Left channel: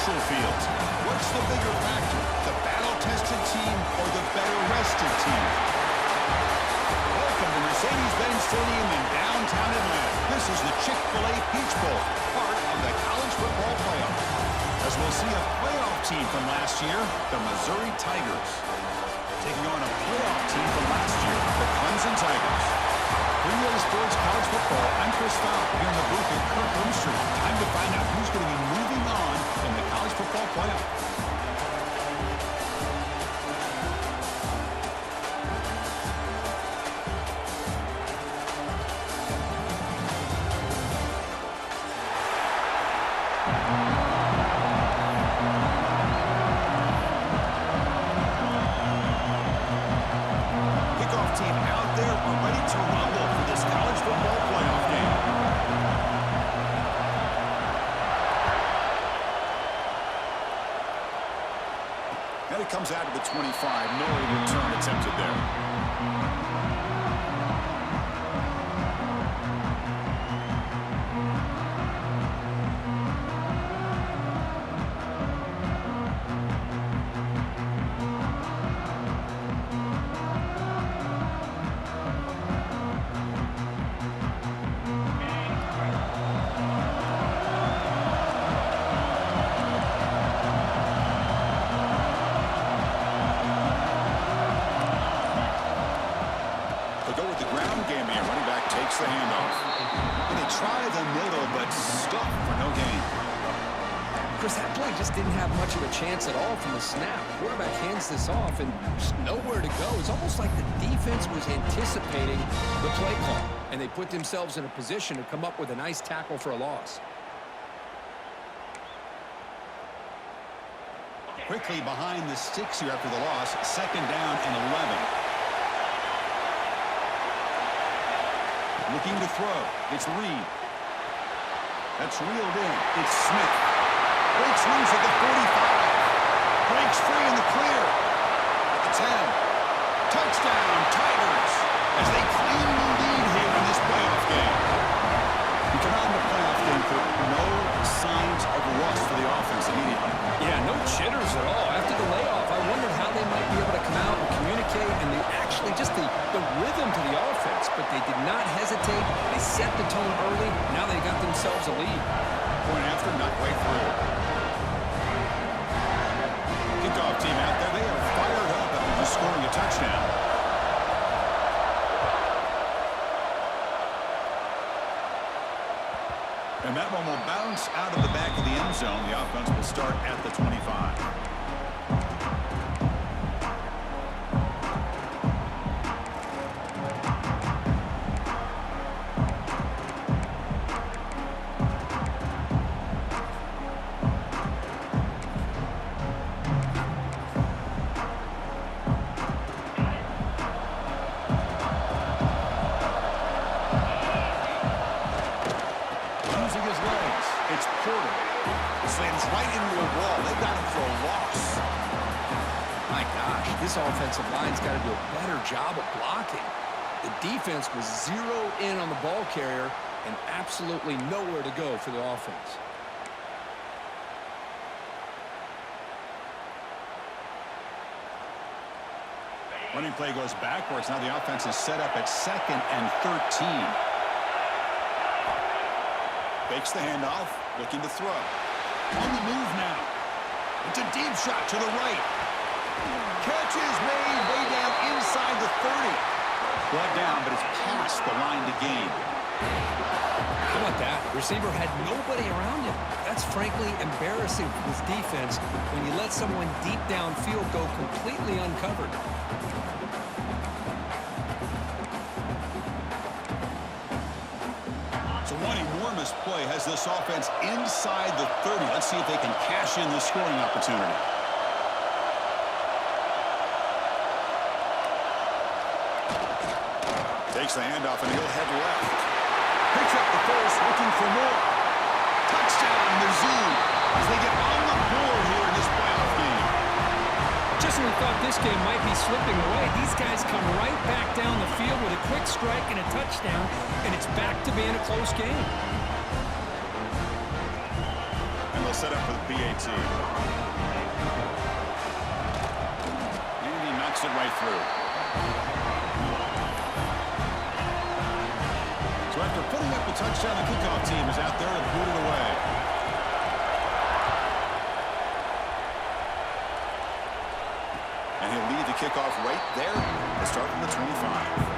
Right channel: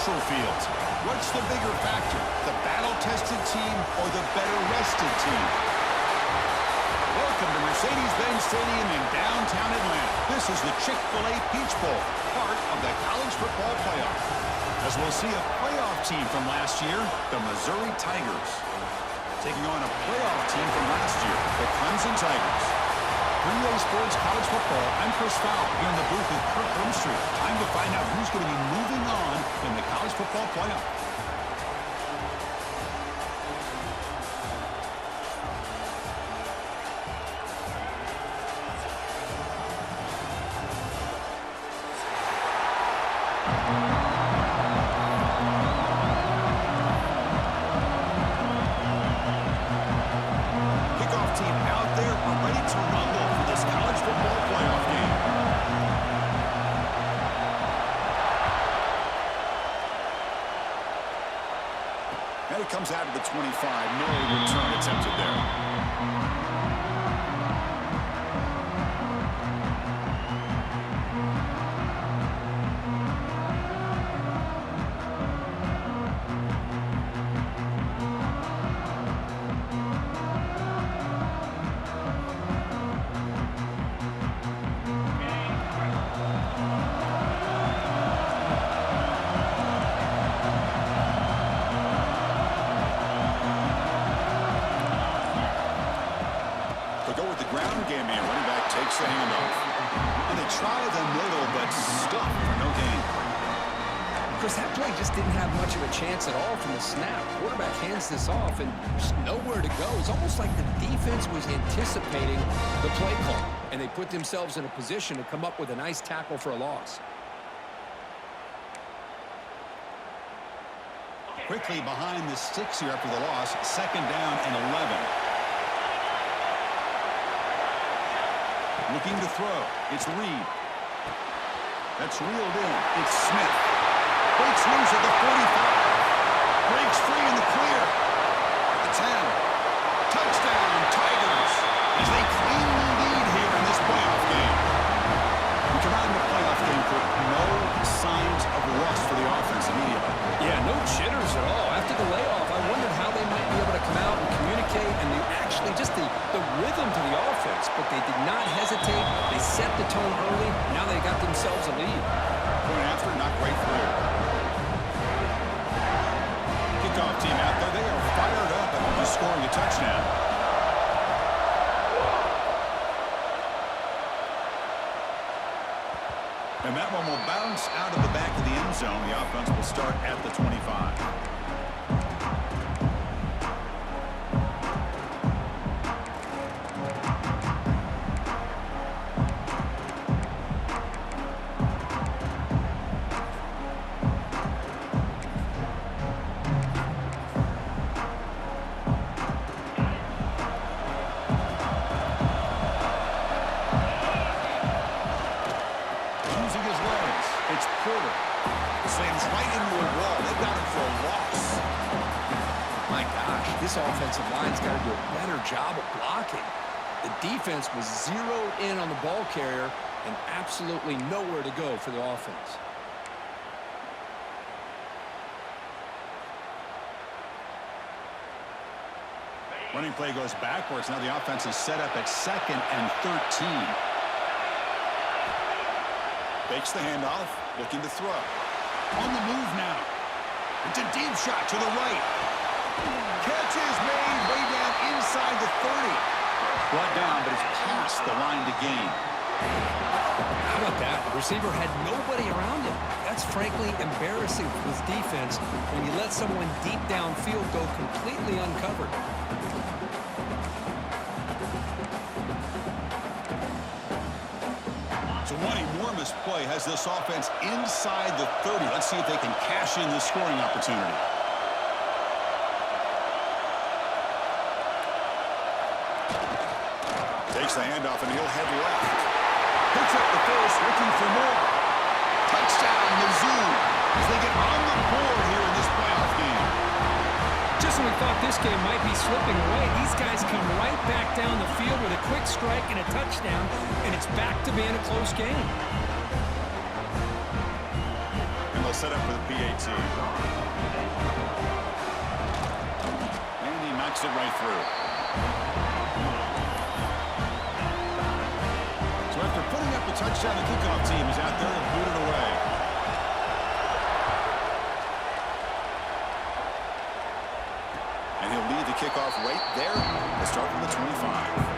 neutral fields. What's the bigger factor, the battle-tested team or the better-rested team? Welcome to Mercedes-Benz Stadium in downtown Atlanta. This is the Chick-fil-A Peach Bowl, part of the college football playoff. As we'll see a playoff team from last year, the Missouri Tigers, taking on a playoff team from last year, the Clemson Tigers. For EA Sports College Football, I'm Chris Fowl here in the booth with Kirk Herbstreit. Time to find out who's going to be moving on in the college football playoff. Team out there, we're ready to rumble for this college football playoff game. And it comes out of the 25. No return attempted there. Takes the handoff. And they try the middle, but stuff for no gain. Chris, that play just didn't have much of a chance at all from the snap. Quarterback hands this off and just nowhere to go. It's almost like the defense was anticipating the play call, and they put themselves in a position to come up with a nice tackle for a loss. Quickly behind the sticks here after the loss. 2nd down and 11. Looking to throw. It's Reed. That's reeled in. It's Smith. Breaks loose at the 45. Breaks free in the clear. At the 10. Touchdown, Tigers, as they claim the lead here in this playoff game. We come out in the playoff game for no signs of rust for the offense immediately. Yeah, no jitters at all. After the layoff, I wondered how they might be able to come out and communicate, and they actually just the rhythm to the offense, but they did not hesitate. They set the tone early. Now they got themselves a lead. Point after, not quite through. Kickoff team out there. They are fired up after just scoring a touchdown. And that one will bounce out of the back of the end zone. The offense will start at the 25. It's Porter. Slams right into a wall. They've got him for a loss. My gosh, this offensive line's got to do a better job of blocking. The defense was zeroed in on the ball carrier and absolutely nowhere to go for the offense. Running play goes backwards. Now the offense is set up at 2nd and 13. Fakes the handoff, looking to throw. On the move now. It's a deep shot to the right. Catch is made way down inside the 30. Brought down, but it's past the line to gain. How about that? The receiver had nobody around him. That's frankly embarrassing for this defense when you let someone deep downfield go completely uncovered. So one enormous play has this offense inside the 30. Let's see if they can cash in this scoring opportunity. Takes the handoff and he'll head left. Picks up the first, looking for more. Touchdown, Mizzou, as they get on the board here in this playoff game. Just when we thought this game might be slipping away, these guys come right back down the field with a quick strike and a touchdown, and it's back to being a close game. And the they'll set up for the PAT. And he knocks it right through. So after putting up a touchdown, the kickoff team is out there and booted away. And he'll lead the kickoff right there. Let's start from the 25.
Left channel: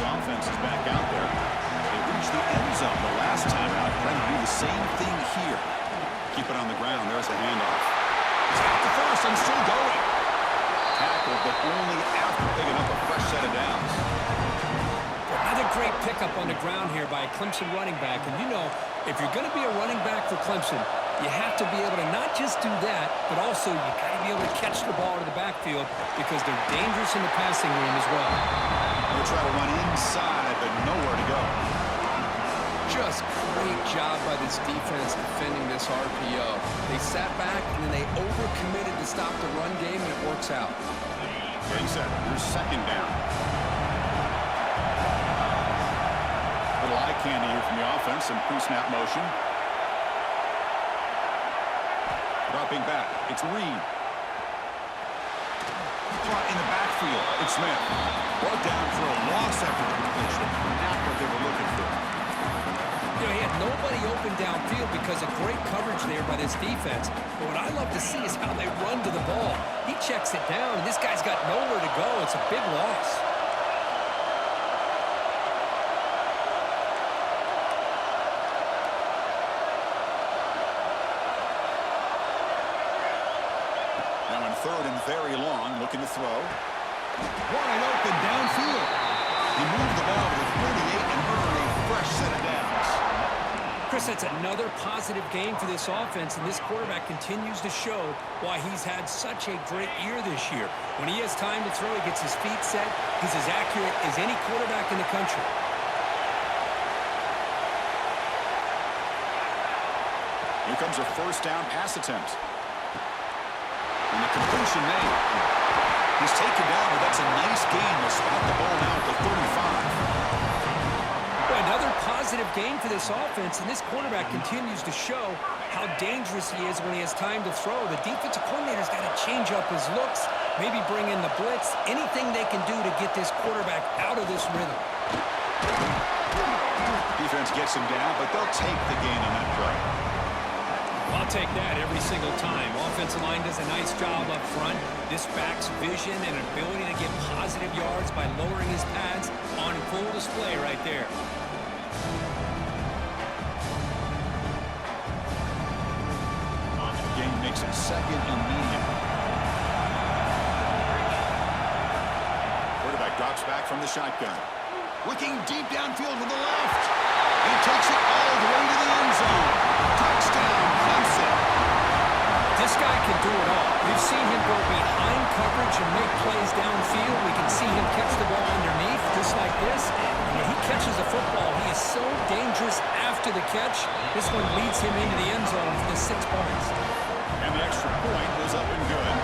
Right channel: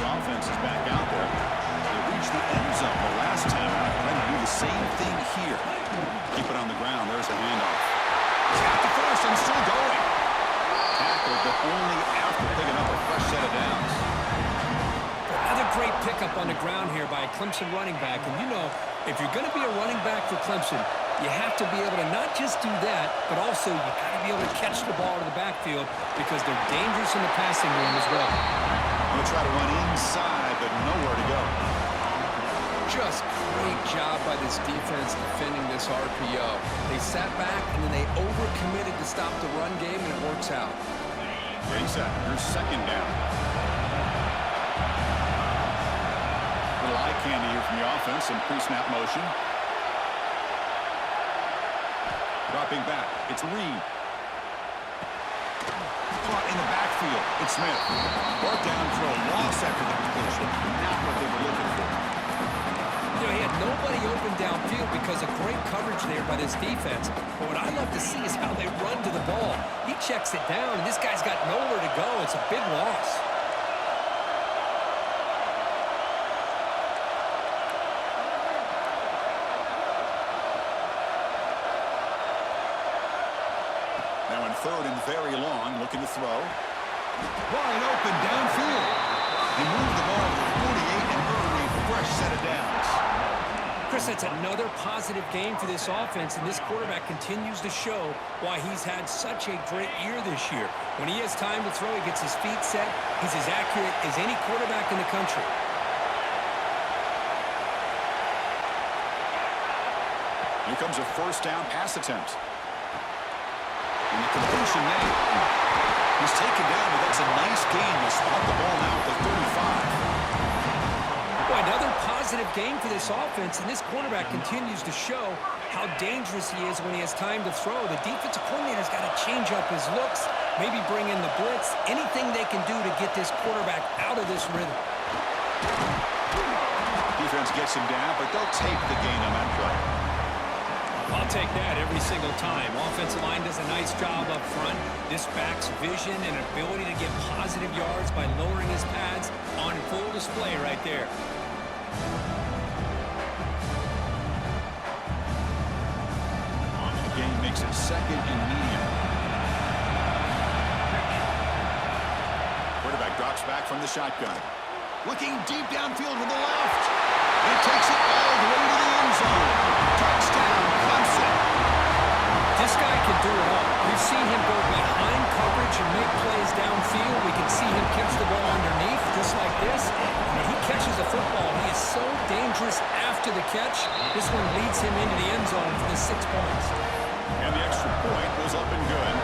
Offense is back out there. They reached the end zone the last time out. Trying to do the same thing here. Keep it on the ground. There's a handoff. He's got the first and still going. Tackled, but only after picking up a fresh set of downs. Another great pickup on the ground here by a Clemson running back. And you know, if you're going to be a running back for Clemson, you have to be able to not just do that, but also you got to be able to catch the ball to the backfield because they're dangerous in the passing game as well. They'll try to run inside, but nowhere to go. Just great job by this defense defending this RPO. They sat back, and then they overcommitted to stop the run game, and it works out. Getting set. Here's second down. Little eye candy here from the offense and pre-snap motion. Dropping back. It's Reed. Caught in the backfield. It's Smith. Brought down for a loss after the completion. Not what they were looking for. You know, he had nobody open downfield because of great coverage there by this defense. But what I love to see is how they run to the ball. He checks it down, and this guy's got nowhere to go. It's a big loss. Now in third and very long, looking to throw. Wide open downfield. He moved the ball to the 48 and earned a fresh set of downs. Chris, that's another positive game for this offense, and this quarterback continues to show why he's had such a great year this year. When he has time to throw, he gets his feet set. He's as accurate as any quarterback in the country. Here comes a first down pass attempt. And the completion made. He's taken down, but that's a nice gain. They'll spot the ball now at the 35. Boy, another positive game for this offense, and this quarterback continues to show how dangerous he is when he has time to throw. The defensive coordinator's got to change up his looks, maybe bring in the blitz, anything they can do to get this quarterback out of this rhythm. Defense gets him down, but they'll take the gain on that play. I'll take that every single time. Offensive line does a nice job up front. This back's vision and ability to get positive yards by lowering his pads on full display right there. The game makes it second and medium. Quarterback drops back from the shotgun. Looking deep downfield to the left. He takes it all the way to the end zone. Touchdown, Clemson. This guy can do it all. We've seen him go behind coverage and make plays downfield. We can see him catch the ball underneath, just like this. And when he catches the football, he is so dangerous after the catch. This one leads him into the end zone for the 6 points. And the extra point was up and good.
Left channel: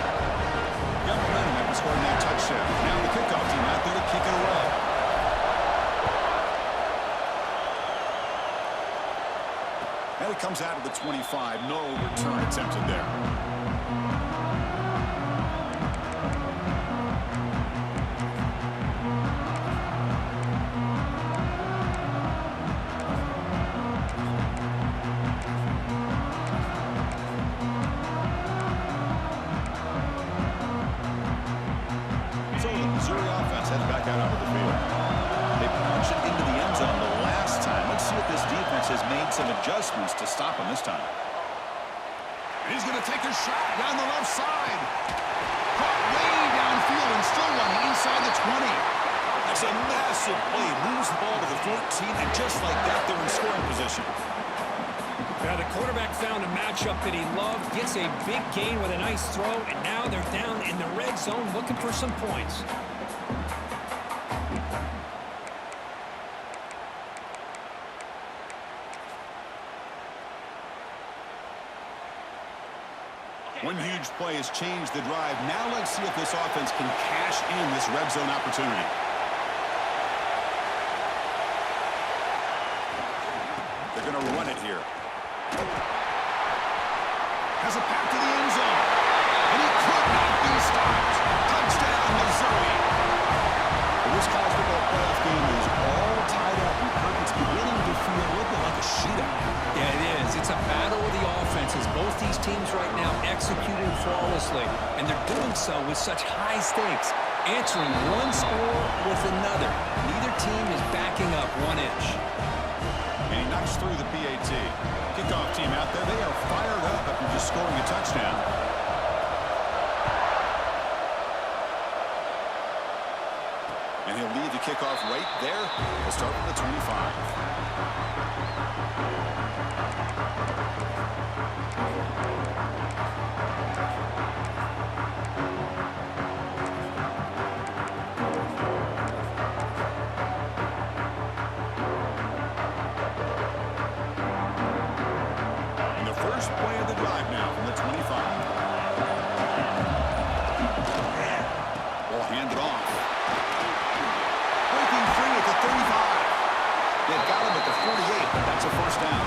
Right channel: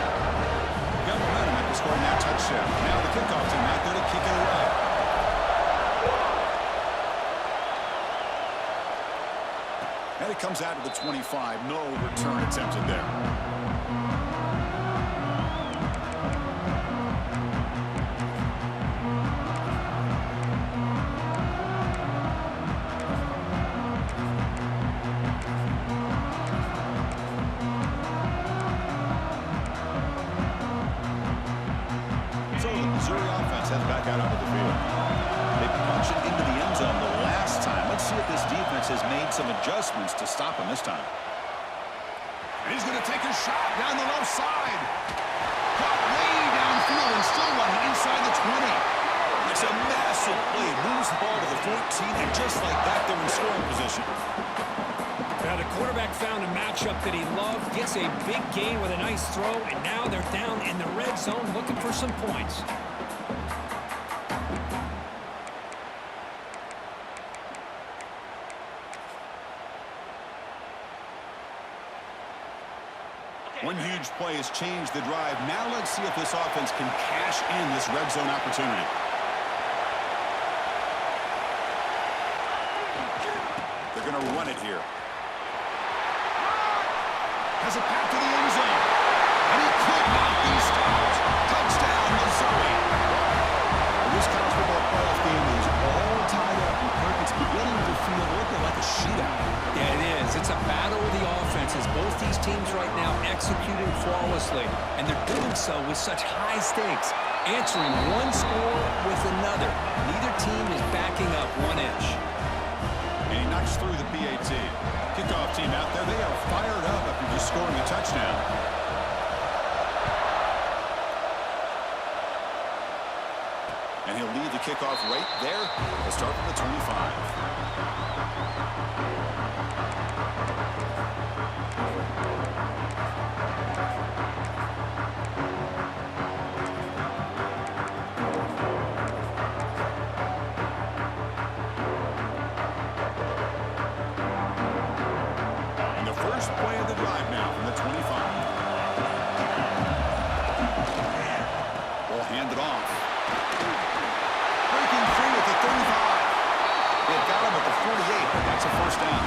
Got momentum after scoring that touchdown. Now the kickoff team out there to kick it away. And it comes out of the 25. No return attempted there. So the Missouri offense heads back out onto the field. They punch it into the end zone the last time. Let's see if this defense has made some adjustments to stop him this time. And he's going to take a shot down the left side. Caught way downfield and still running inside the 20. That's a massive play. Moves the ball to the 14, and just like that, they're in scoring position. Now the quarterback found a matchup that he loved, gets a big gain with a nice throw, and now they're down in the red zone looking for some points. One huge play has changed the drive. Now let's see if this offense can cash in this red zone opportunity. They're going to run it here. Has a path to the end zone. And he could not be stopped. Touchdown, Missouri. Well, this college football playoff game is all tied up. And Kirk, it's beginning to feel a little bit like a shootout. Yeah, it is. It's a battle of the offenses. Both these teams right now executing flawlessly, and they're doing so with such high stakes, answering one score with another. Neither team is backing up 1 inch. And he knocks through the PAT. Kickoff team out there. They are fired up after just scoring a touchdown. And he'll lead the kickoff right there. We'll start from the 25. And the first play of the drive now from the 25. Ball handed off. Breaking free at the 35. They've got him at the 48, but that's a first down.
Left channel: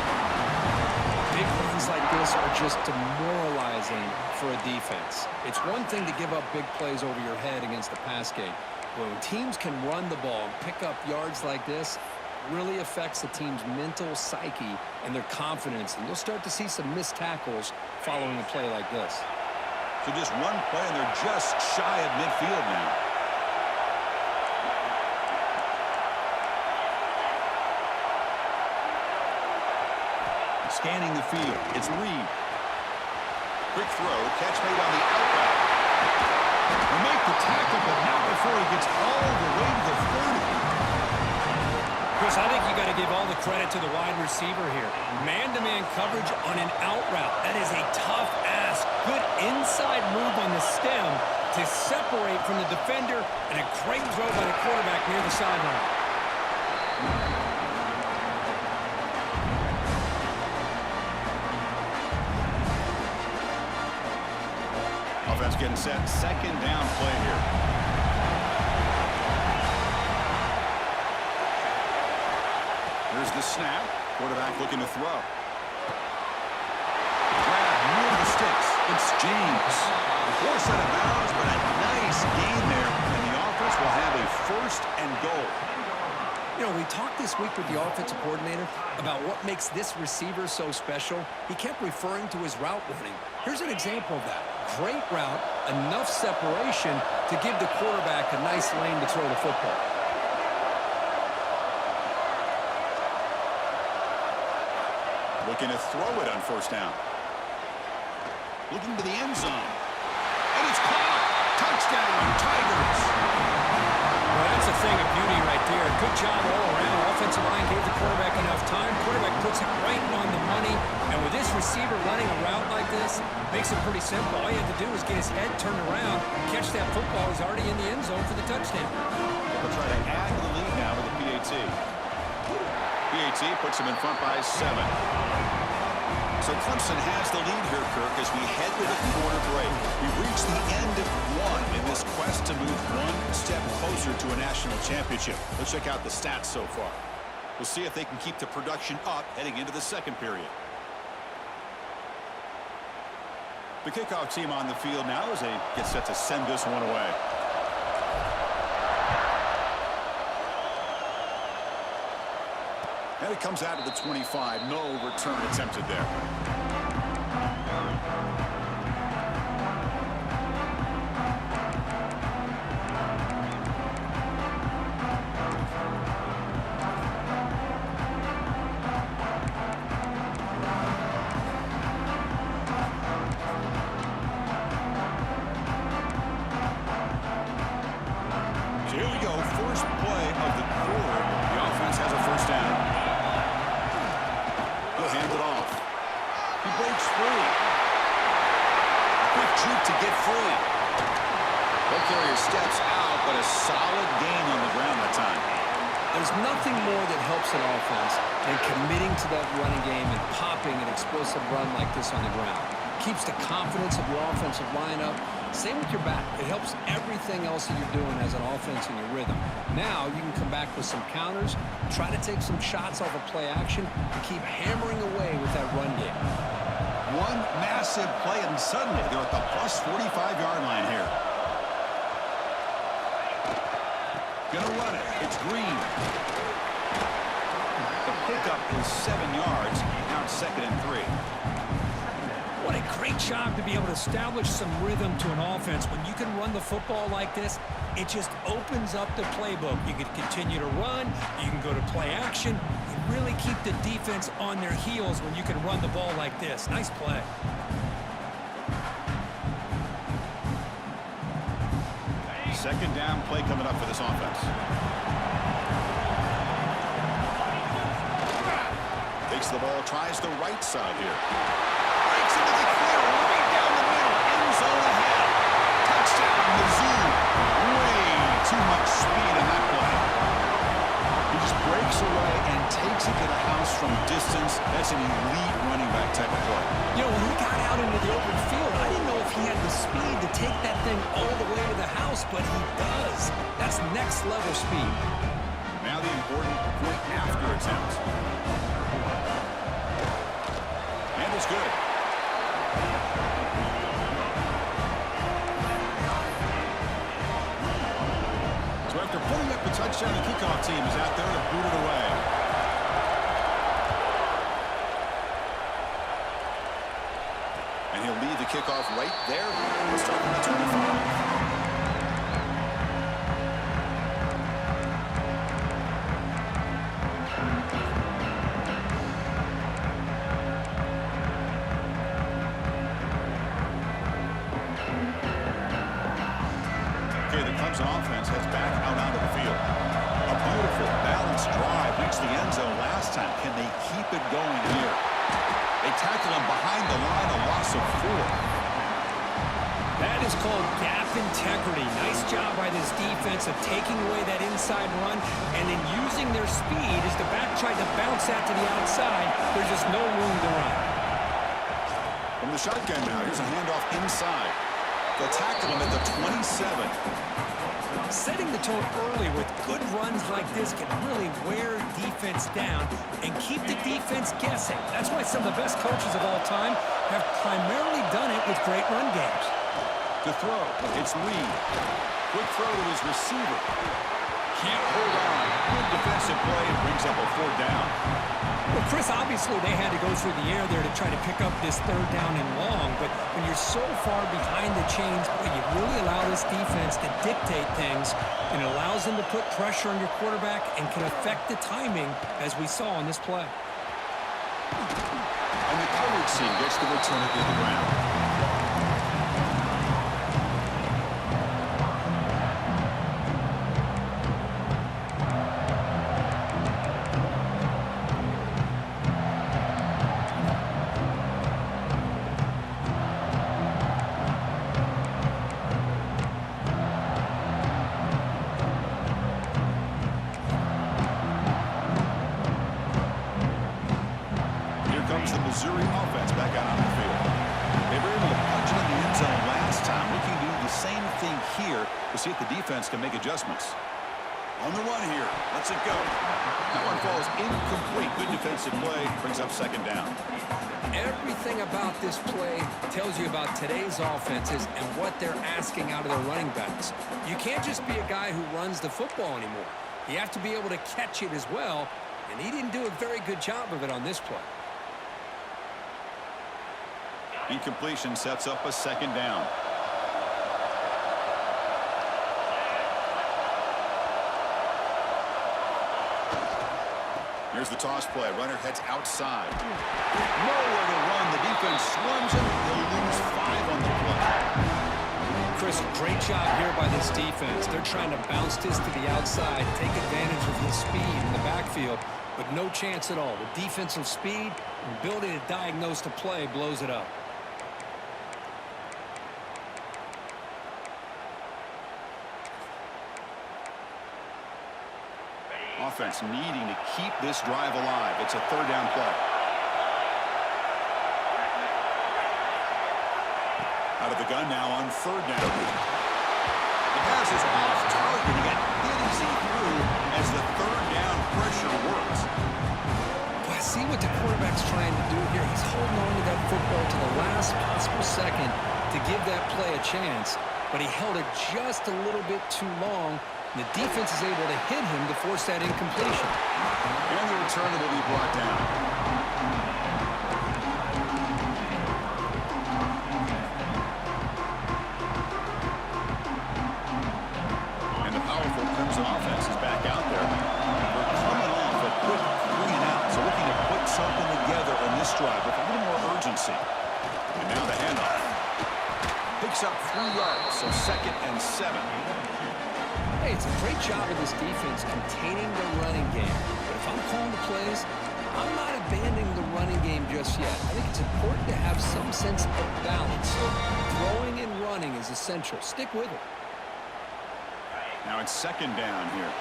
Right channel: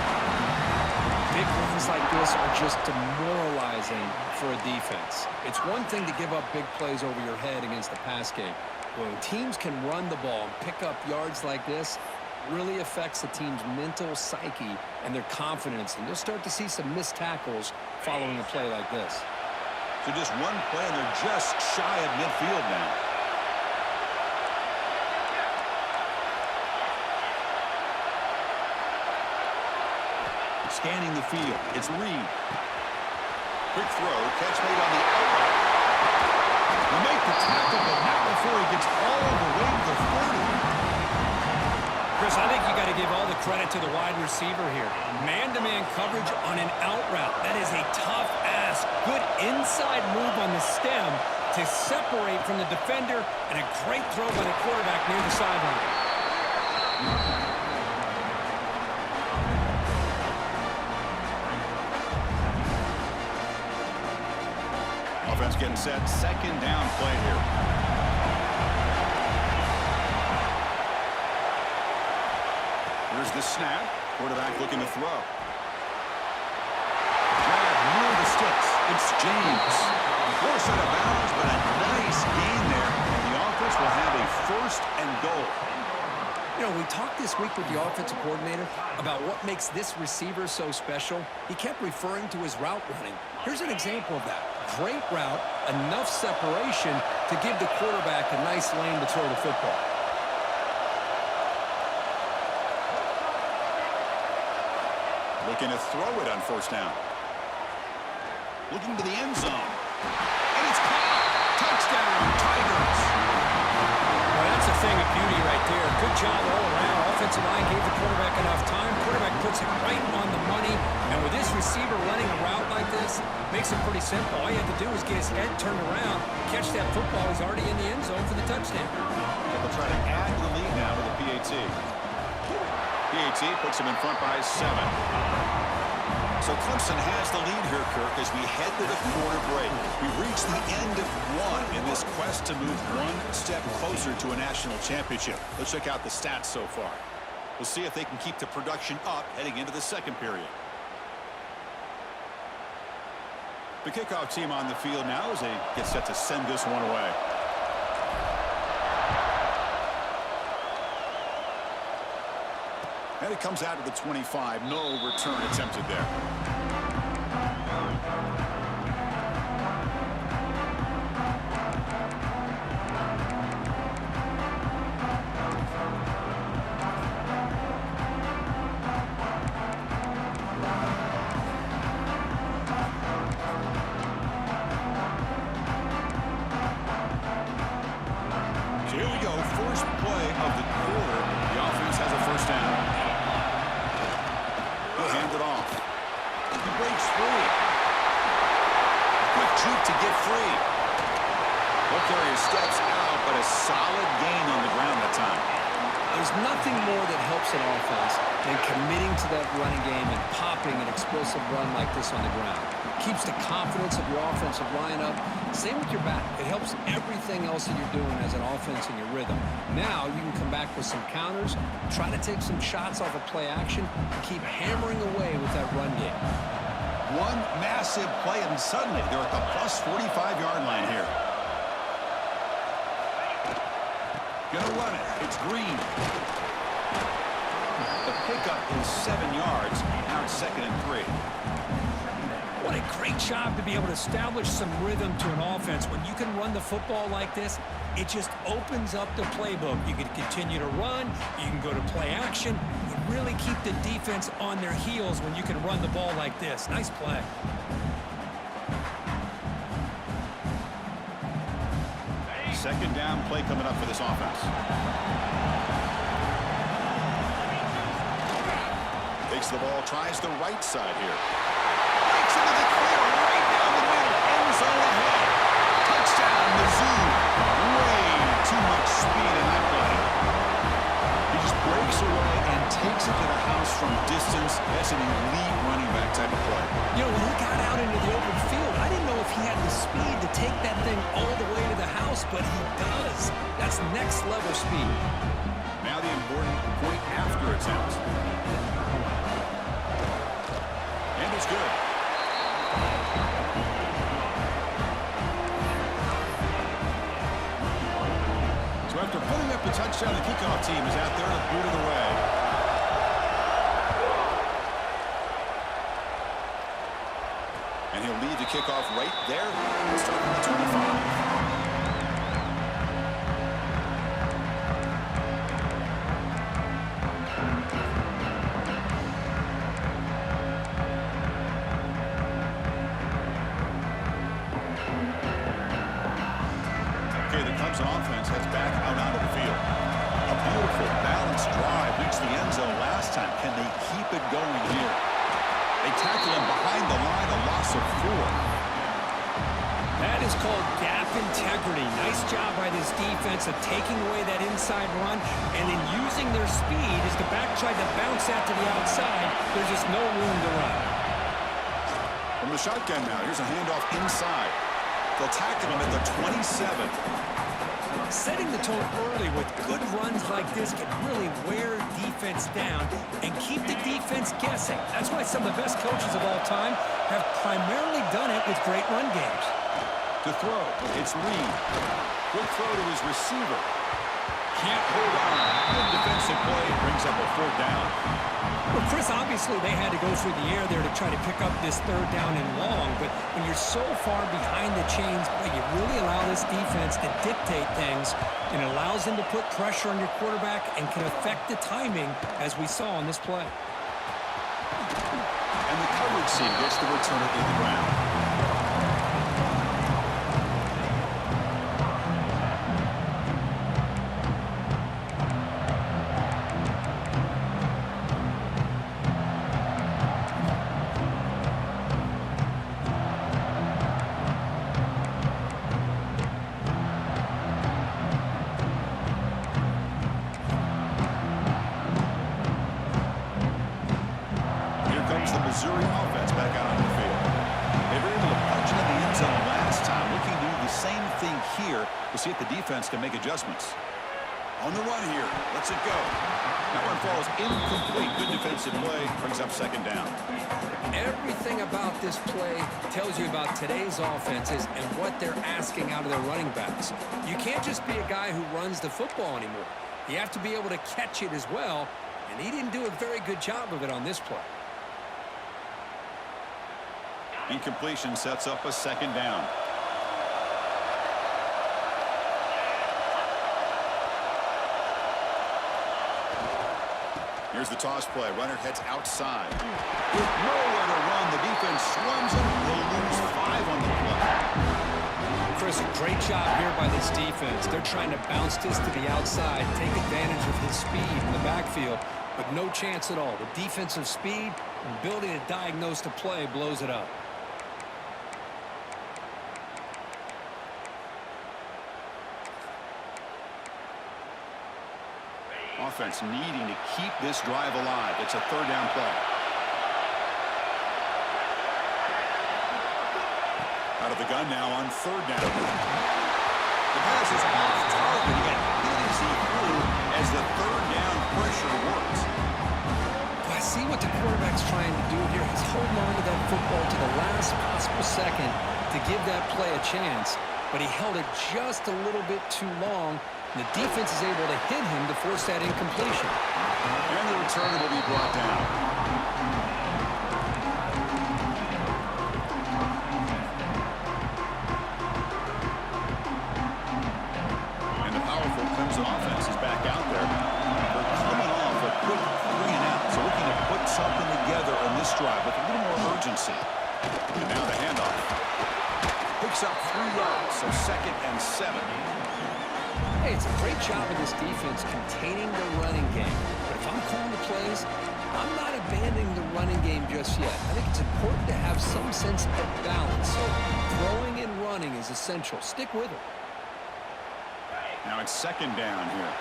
Big runs like this are just demoralizing for a defense. It's one thing to give up big plays over your head against the pass game. But when teams can run the ball and pick up yards like this, it really affects the team's mental psyche and their confidence. And you'll start to see some missed tackles following a play like this. So just one play, and they're just shy of midfield now. Scanning the field. It's Reed. Quick throw. Catch made on the out route. We make the tackle, but not before he gets all the way to the 30. Chris, I think you got to give all the credit to the wide receiver here. Man-to-man coverage on an out route. That is a tough ask. Good inside move on the stem to separate from the defender, and a great throw by the quarterback near the sideline. Offense getting set. Second down play here. Here's the snap. Quarterback looking to throw. Grab near the sticks. It's James. Force out of bounds, but a nice gain there. And the offense will have a first and goal. You know, we talked this week with the offensive coordinator about what makes this receiver so special. He kept referring to his route running. Here's an example of that. Great route, enough separation to give the quarterback a nice lane to throw the football. Looking to throw it on first down. Looking to the end zone. And it's caught. Touchdown, Tigers. Well, that's a thing of beauty right there. Good job all around. Offensive line gave the quarterback enough time. Quarterback puts it right on the money. And with this receiver running a route like this, makes it pretty simple. All you have to do is get his head turned around, catch that football. He's already in the end zone for the touchdown. They'll try to add to the lead now with the PAT. PAT puts him in front by 7. So Clemson has the lead here, Kirk, as we head to the quarter break. We've reached the end of one in this quest to move one step closer to a national championship. Let's check out the stats so far. We'll see if they can keep the production up heading into the second period. The kickoff team on the field now as they get set to send this one away. And it comes out to the 25. No return attempted there. So here we go. First play of the quarter. The offense has a first down. He'll hand it off. He breaks free. A quick juke to get free. Ball carrier steps out, but a solid gain on the ground that time. There's nothing more that helps an offense than committing to that running game and popping an explosive run like this on the ground. keeps the confidence of your offensive lineup. Same with your back. It helps everything else that you're doing as an offense in your rhythm. Now you can come back with some counters, try to take some shots off of play action, and keep hammering away with that run game. One massive play, and suddenly they're at the plus 45-yard line here. Gonna run it. It's Green. The pickup is 7 yards. Now it's 2nd and 3. What a great job to be able to establish some rhythm to an offense. When you can run the football like this, it just opens up the playbook. You can continue to run. You can go to play action. You really keep the defense on their heels when you can run the ball like this. Nice play. Second down play coming up for this offense. Takes the ball, tries the right side here. Breaks into the clear, right down the middle. End zone ahead. Touchdown, Mizzou. Way too much speed in that play. He just breaks away and takes it to the house from distance. That's an elite running back type of play. You know, when he got out into the open field, I didn't know if he had the speed to take that thing all the way to the house, but he does. That's next level speed. Now the important point after attempt. And it's good. So after putting up a touchdown, the kickoff team is out there to boot it away. And he'll lead the kickoff right there. We'll start from the 25. Offense heads back out onto the field. A beautiful, balanced drive reached the end zone last time. Can they keep it going here? They tackle him behind the line, a loss of 4. That is called gap integrity. Nice job by this defense of taking away that inside run and then using their speed as the back tried to bounce that to the outside. There's just no room to run. From the shotgun now, here's a handoff inside. They'll tackle him at the 27. Setting the tone early with good runs like this can really wear defense down and keep the defense guessing. That's why some of the best coaches of all time have primarily done it with great run games. To throw, it's Reed. Quick throw to his receiver. Can't hold on. Good defensive play. Brings up a 4th down. Well, Chris, obviously they had to go through the air there to try to pick up this 3rd down and long, but when you're so far behind the chains, boy, you really allow this defense to dictate things, and it allows them to put pressure on your quarterback and can affect the timing, as we saw on this play. And the coverage team gets the return it to the ground. The Missouri offense back out onto the field. They were able to punch it in the end zone last time. Looking to do the same thing here. We'll see if the defense can make adjustments. On the run here. Lets it go. That one falls incomplete. Good defensive play. Brings up 2nd down. Everything about this play tells you about today's offenses and what they're asking out of their running backs. You can't just be a guy who runs the football anymore. You have to be able to catch it as well, and he didn't do a very good job of it on this play. Incompletion sets up a 2nd down. Here's the toss play. Runner heads outside. With nowhere to run, the defense swarms him. He'll lose 5 on the play. Chris, great job here by this defense. They're trying to bounce this to the outside, take advantage of his speed in the backfield, but no chance at all. The defensive speed and ability to diagnose the play blows it up. Offense needing to keep this drive alive. It's a 3rd down play. Out of the gun now on third down. The pass is off target. He got hit as he threw as the third down pressure works. Well, I see what the quarterback's trying to do here. He's holding on to that football to the last possible second to give that play a chance, but he held it just a little bit too long, and the defense is able to hit him to force that incompletion. And the return will be brought down. And the powerful Clemson offense is back out there. They're coming off a quick 3 and out, so looking to put something together on this drive with a little more urgency. And now the handoff. Picks up 3 yards, so 2nd and 7. Hey, it's a great job of this defense containing the running game. But if I'm calling the plays, I'm not abandoning the running game just yet. I think it's important to have some sense of balance. So throwing and running is essential. Stick with it. Now it's 2nd down here.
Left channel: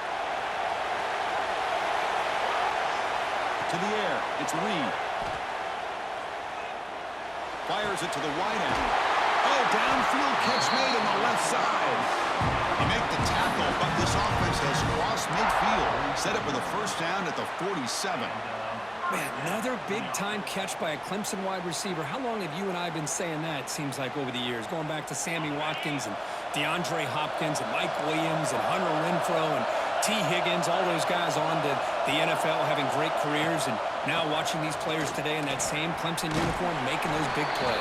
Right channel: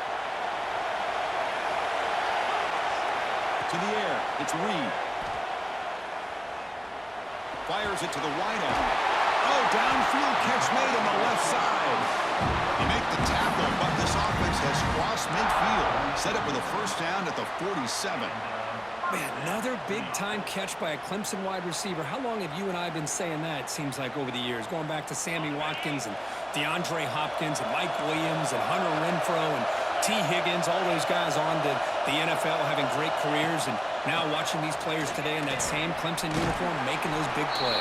To the air. It's Reed. Fires it to the wideout. Oh, downfield catch made on the left side. They make the tackle, but this offense has crossed midfield. Set up with a first down at the 47. Man, another big-time catch by a Clemson wide receiver. How long have you and I been saying that, it seems like, over the years? Going back to Sammy Watkins and DeAndre Hopkins and Mike Williams and Hunter Renfrow and T. Higgins, all those guys on to the NFL having great careers, and now watching these players today in that same Clemson uniform making those big plays.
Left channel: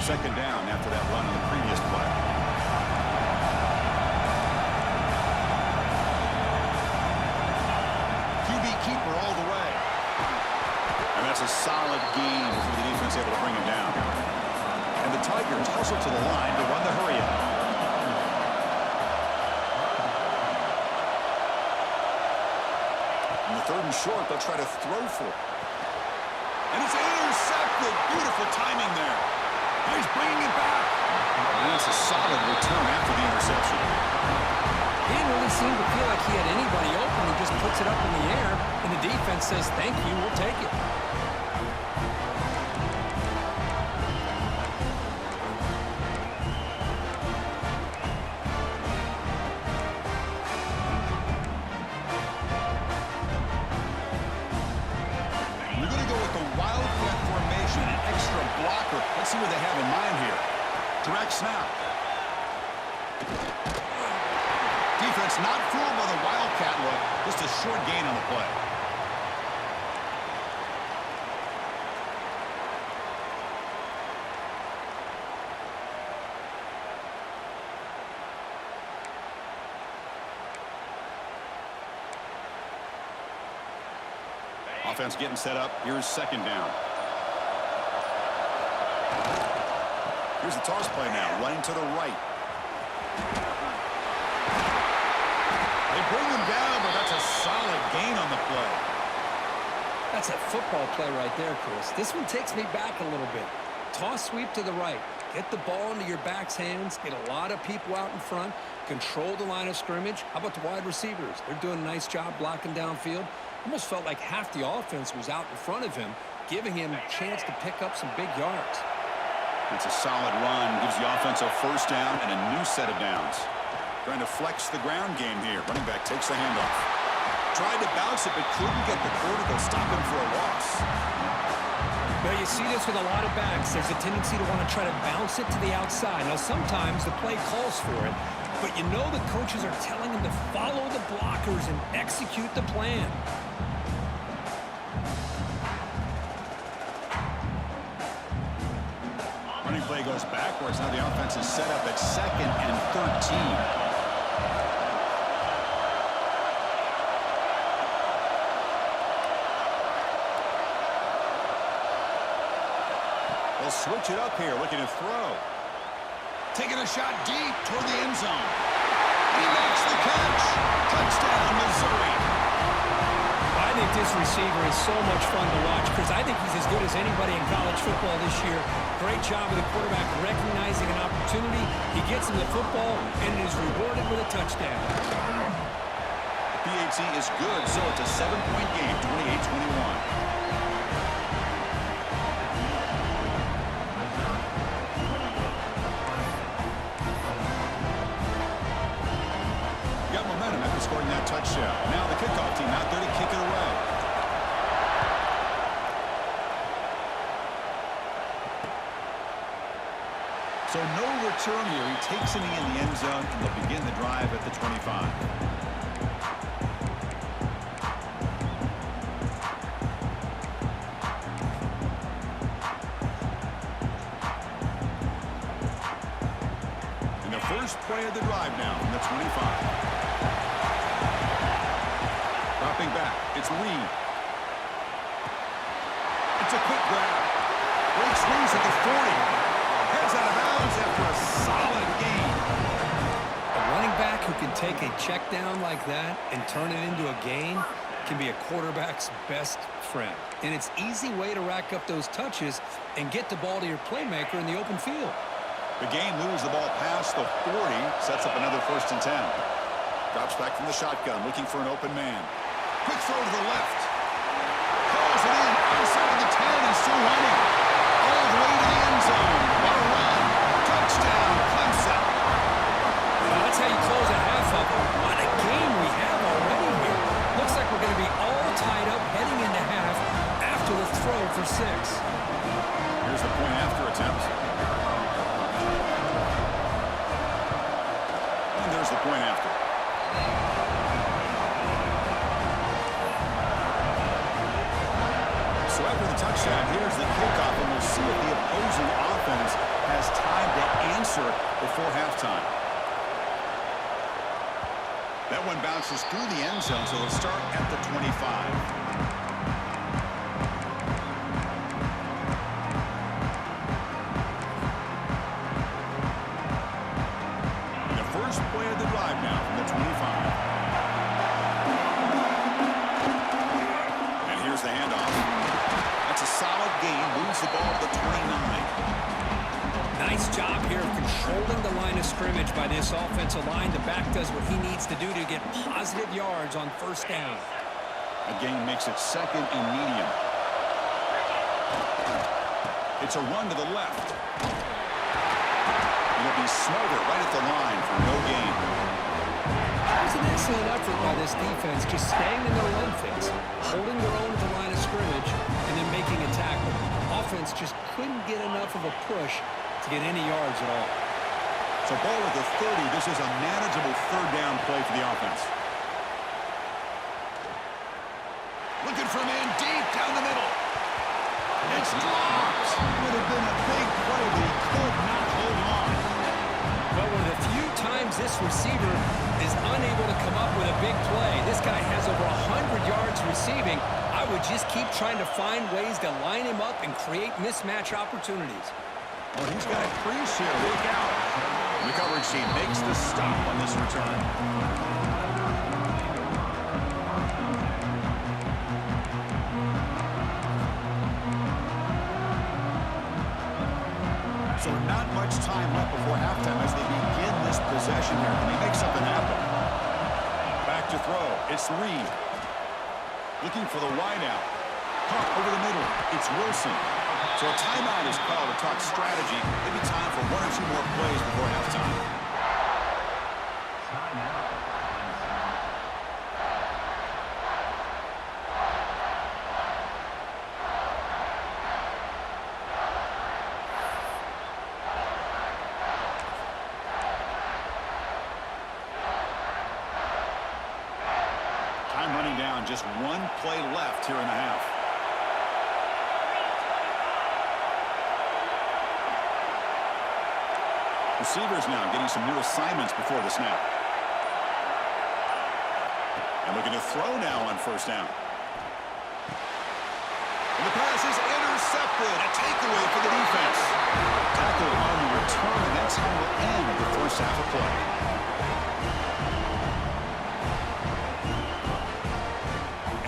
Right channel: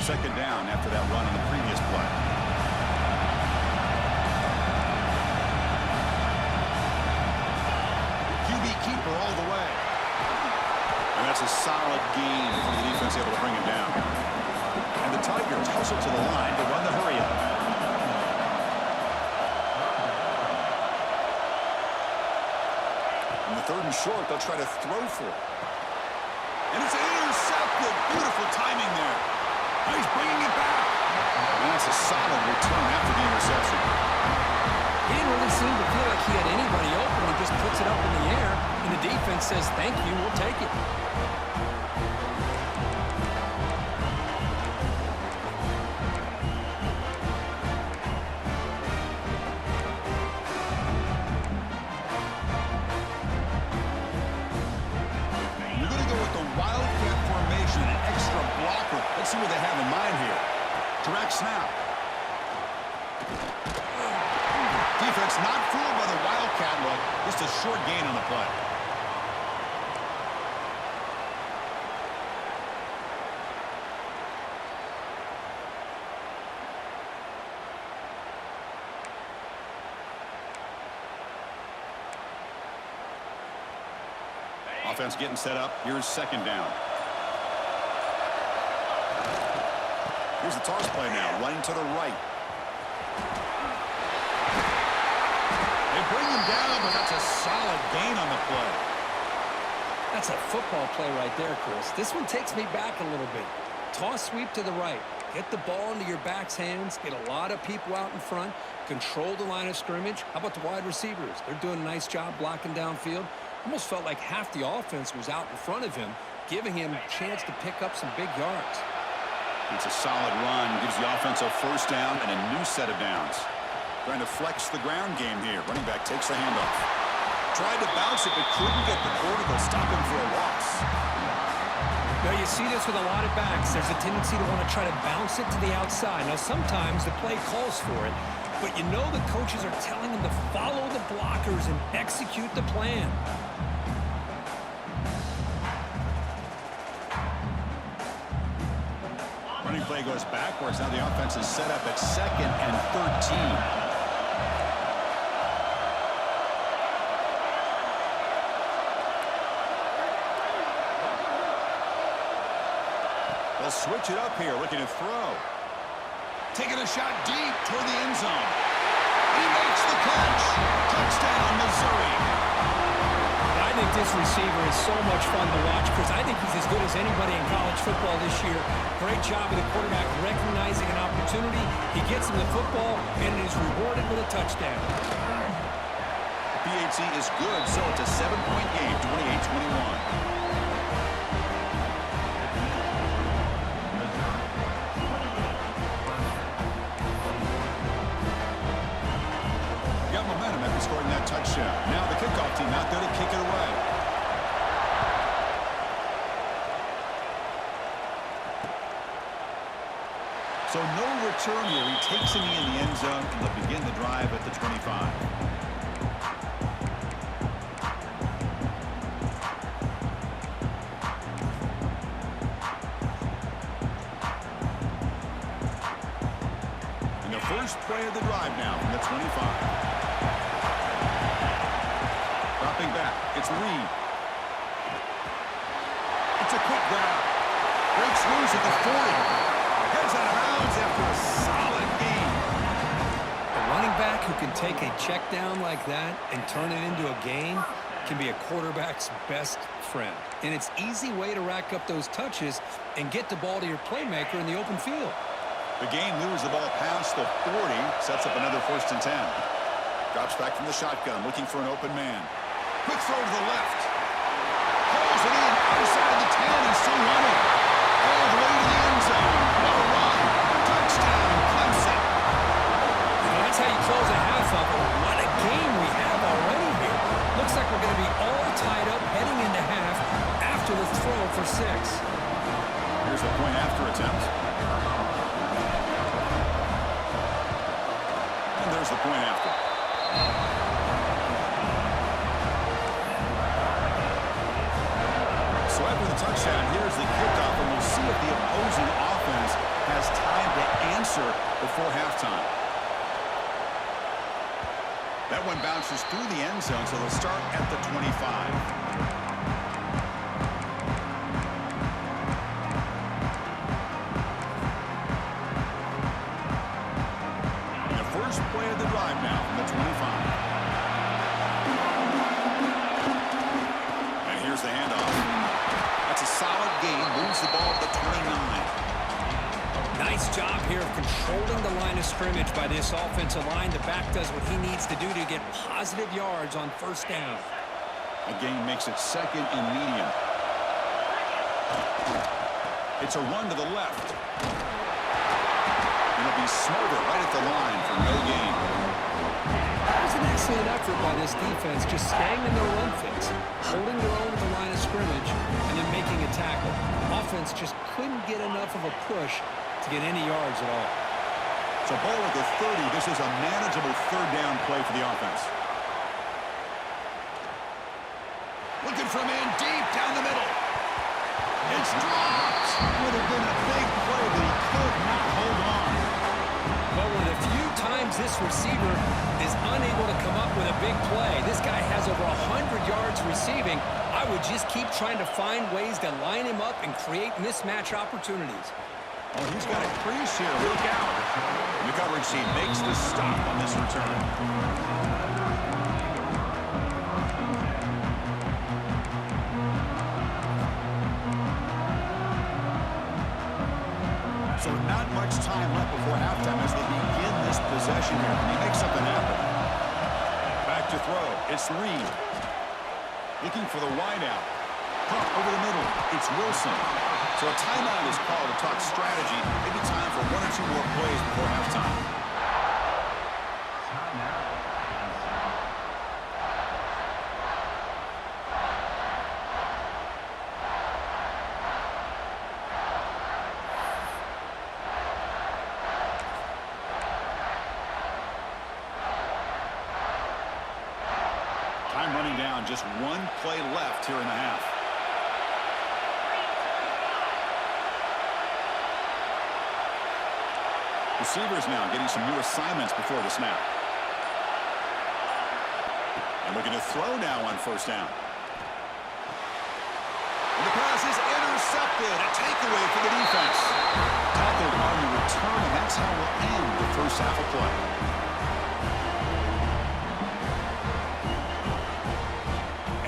Second down after that run on the previous play. QB keeper all the way. And that's a solid gain for the defense able to bring him down. And the Tigers hustle to the line to run the hurry up. In the 3rd and short, they'll try to throw for it. And it's intercepted. Beautiful timing there. He's bringing it back. And that's a solid return after the interception. He didn't really seem to feel like he had anybody open. He just puts it up in the air, and the defense says, thank you, we'll take it. We're going to go with the Wildcat formation, an extra blocker. Let's see what they have in mind here. Direct snap. Defense not fooled by the Wildcat look. Just a short gain on the play. Offense getting set up. Here's 2nd down. Here's the toss play now, running to the right. They bring him down, but that's a solid gain on the play. That's a football play right there, Chris. This one takes me back a little bit. Toss sweep to the right. Get the ball into your back's hands. Get a lot of people out in front. Control the line of scrimmage. How about the wide receivers? They're doing a nice job blocking downfield. Almost felt like half the offense was out in front of him, giving him a chance to pick up some big yards. It's a solid run. Gives the offense a first down and a new set of downs. Trying to flex the ground game here. Running back takes the handoff. Tried to bounce it, but couldn't get the quarter. They'll stop him for a loss. Well, you see this with a lot of backs. There's a tendency to want to try to bounce it to the outside. Now, sometimes the play calls for it, but you know the coaches are telling them to follow the blockers and execute the plan. Running play goes backwards. Now the offense is set up at 2nd and 13. They'll switch it up here, looking to throw. Taking a shot deep toward the end zone. And he makes the catch. Touchdown, Missouri. I think this receiver is so much fun to watch, because I think he's as good as anybody in college football this year. Great job of the quarterback recognizing an opportunity. He gets him the football and is rewarded with a touchdown. The PAT is good, so it's a 7-point game, 28-21. Momentum after scoring that touchdown. Now the kickoff team out there to kick it away. So no return here. He takes it in the end zone, and they'll begin the drive at the 25. And the first play of the drive now from the 25. Dropping back, it's Reed. It's a quick grab. Breaks loose at the 40. Heads out of bounds after a solid gain. A running back who can take a check down like that and turn it into a gain can be a quarterback's best friend. And it's an easy way to rack up those touches and get the ball to your playmaker in the open field. The game moves the ball past the 40, sets up another 1st and 10. Drops back from the shotgun, looking for an open man. Quick throw to the left. Pulls it in outside of the 10 and still running. All the way to the end zone. What a run. Touchdown, Clemson. Well, that's how you close a half up. What a game we have already here. Looks like we're going to be all tied up heading into half after the throw for 6. Here's the point after attempt. And there's the point after. So after the touchdown, here's the kickoff, and we'll see if the opposing offense has time to answer before halftime. That one bounces through the end zone, so they'll start at the 25. The first play of the drive now from the 25. And here's the handoff. That's a solid gain. Moves the ball to the 29. Nice job here of controlling the line of scrimmage by this offensive line. The back does what he needs to do to get positive yards on 1st down. A gain makes it 2nd and medium. It's a run to the left. It'll be Smother right at the line for no gain. That was an excellent effort by this defense, just staying in their run fits, holding their own at the line of scrimmage, and then making a tackle. Offense just couldn't get enough of a push to get any yards at all. So ball at the 30. This is a manageable 3rd down play for the offense. Looking for a man deep down the middle. It's dropped. Would have been a big play, but he could not hold on. Well, one of the few times this receiver is unable to come up with a big play. This guy has over 100 yards receiving. I would just keep trying to find ways to line him up and create mismatch opportunities. Oh, he's got a crease here. Look out. The coverage team makes the stop on this return. So not much time left before halftime as they begin this possession here. Can they make something happen? Back to throw. It's Reed. Looking for the wideout. Pump over the middle. It's Wilson. So a timeout is called to talk strategy. Maybe time for 1 or 2 more plays before halftime. Time running down. Just 1 play left here in the half. Receivers now getting some new assignments before the snap. And looking to throw now on 1st down. And the pass is intercepted. A takeaway for the defense. Tackled on the return, and that's how we'll end the 1st half of play.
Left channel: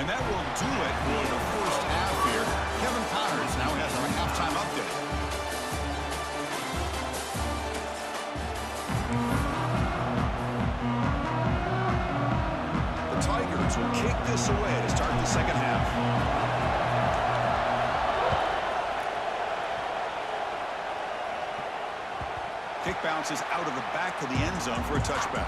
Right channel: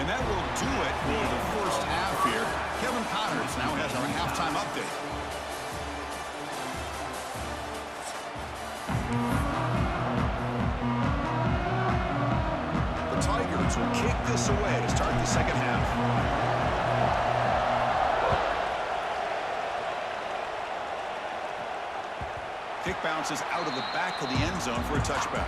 And that will do it for the first half here. Kevin Connors now has our halftime update. The Tigers will kick this away to start the second half. Kick bounces out of the back of the end zone for a touchback.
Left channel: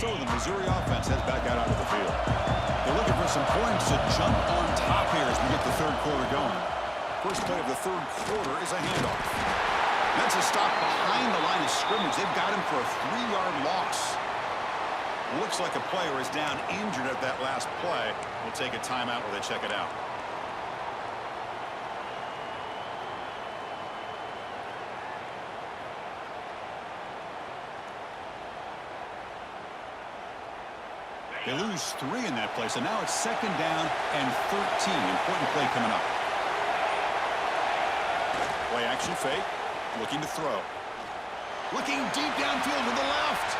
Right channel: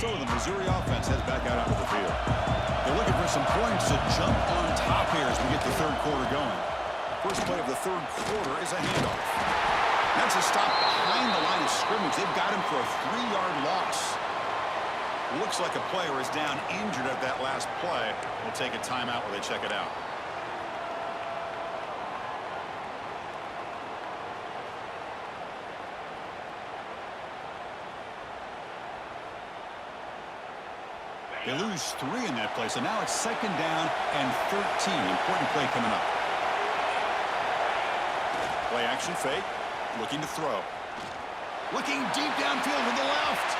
So the Missouri offense heads back out onto the field. They're looking for some points to jump on top here as we get the third quarter going. First play of the third quarter is a handoff. That's a stop behind the line of scrimmage. They've got him for a 3-yard loss. Looks like a player is down injured at that last play. We'll take a timeout while they check it out. They lose 3 in that play, so now it's second down and 13. Important play coming up. Play action fake. Looking to throw. Looking deep downfield to the left.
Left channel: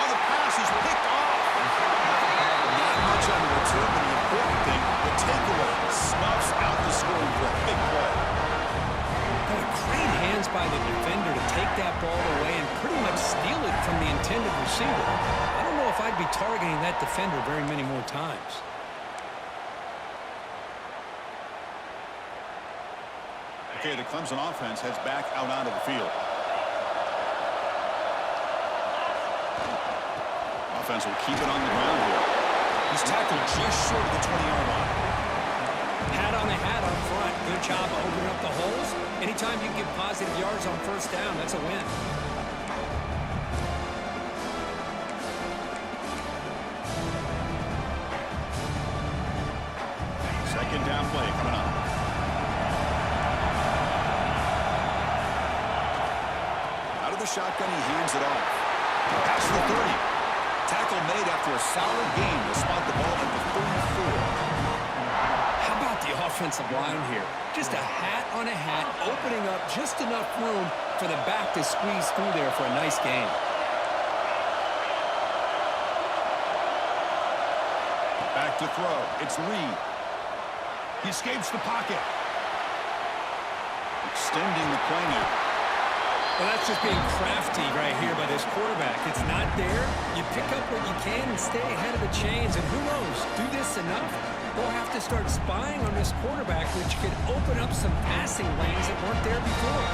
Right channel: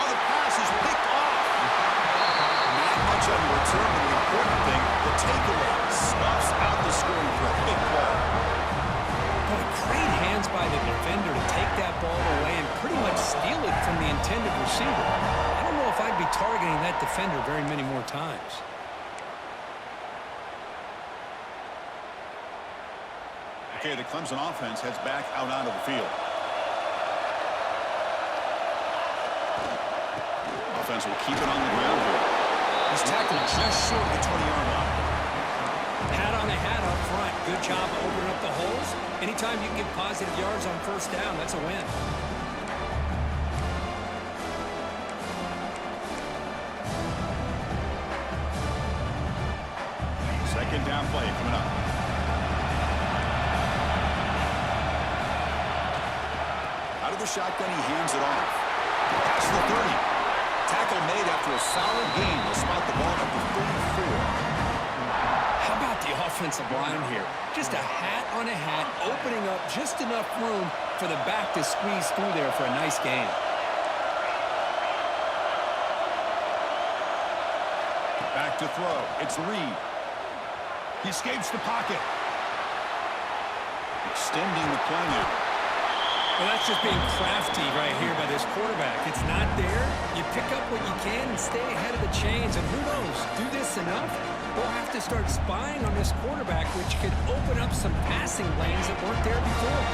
Oh, the pass is picked off. Not much on the return, but the important thing, the takeaway snuffs out the scoring threat. Big play. Boy, great hands by the defender to take that ball away and pretty much steal it from the intended receiver. I don't know if I'd be targeting that defender very many more times. Okay, the Clemson offense heads back out onto the field. Offense will keep it on the ground here. He's tackled just short of the 20-yard line. Hat on a hat up front. Good job of opening up the holes. Anytime you can get positive yards on first down, that's a win. Second down play coming up. Out of the shotgun, he hands it off. Past the 30. Tackle made after a solid gain. They'll spot the ball at the 34. How about the offensive line here? Just a hat on a hat, opening up just enough room for the back to squeeze through there for a nice gain. Back to throw. It's Reed. He escapes the pocket. Extending the play now. Well, that's just being crafty right here by this quarterback. It's not there. You pick up what you can and stay ahead of the chains. And who knows, do this enough, we'll have to start spying on this quarterback, which could open up some passing lanes that weren't there before.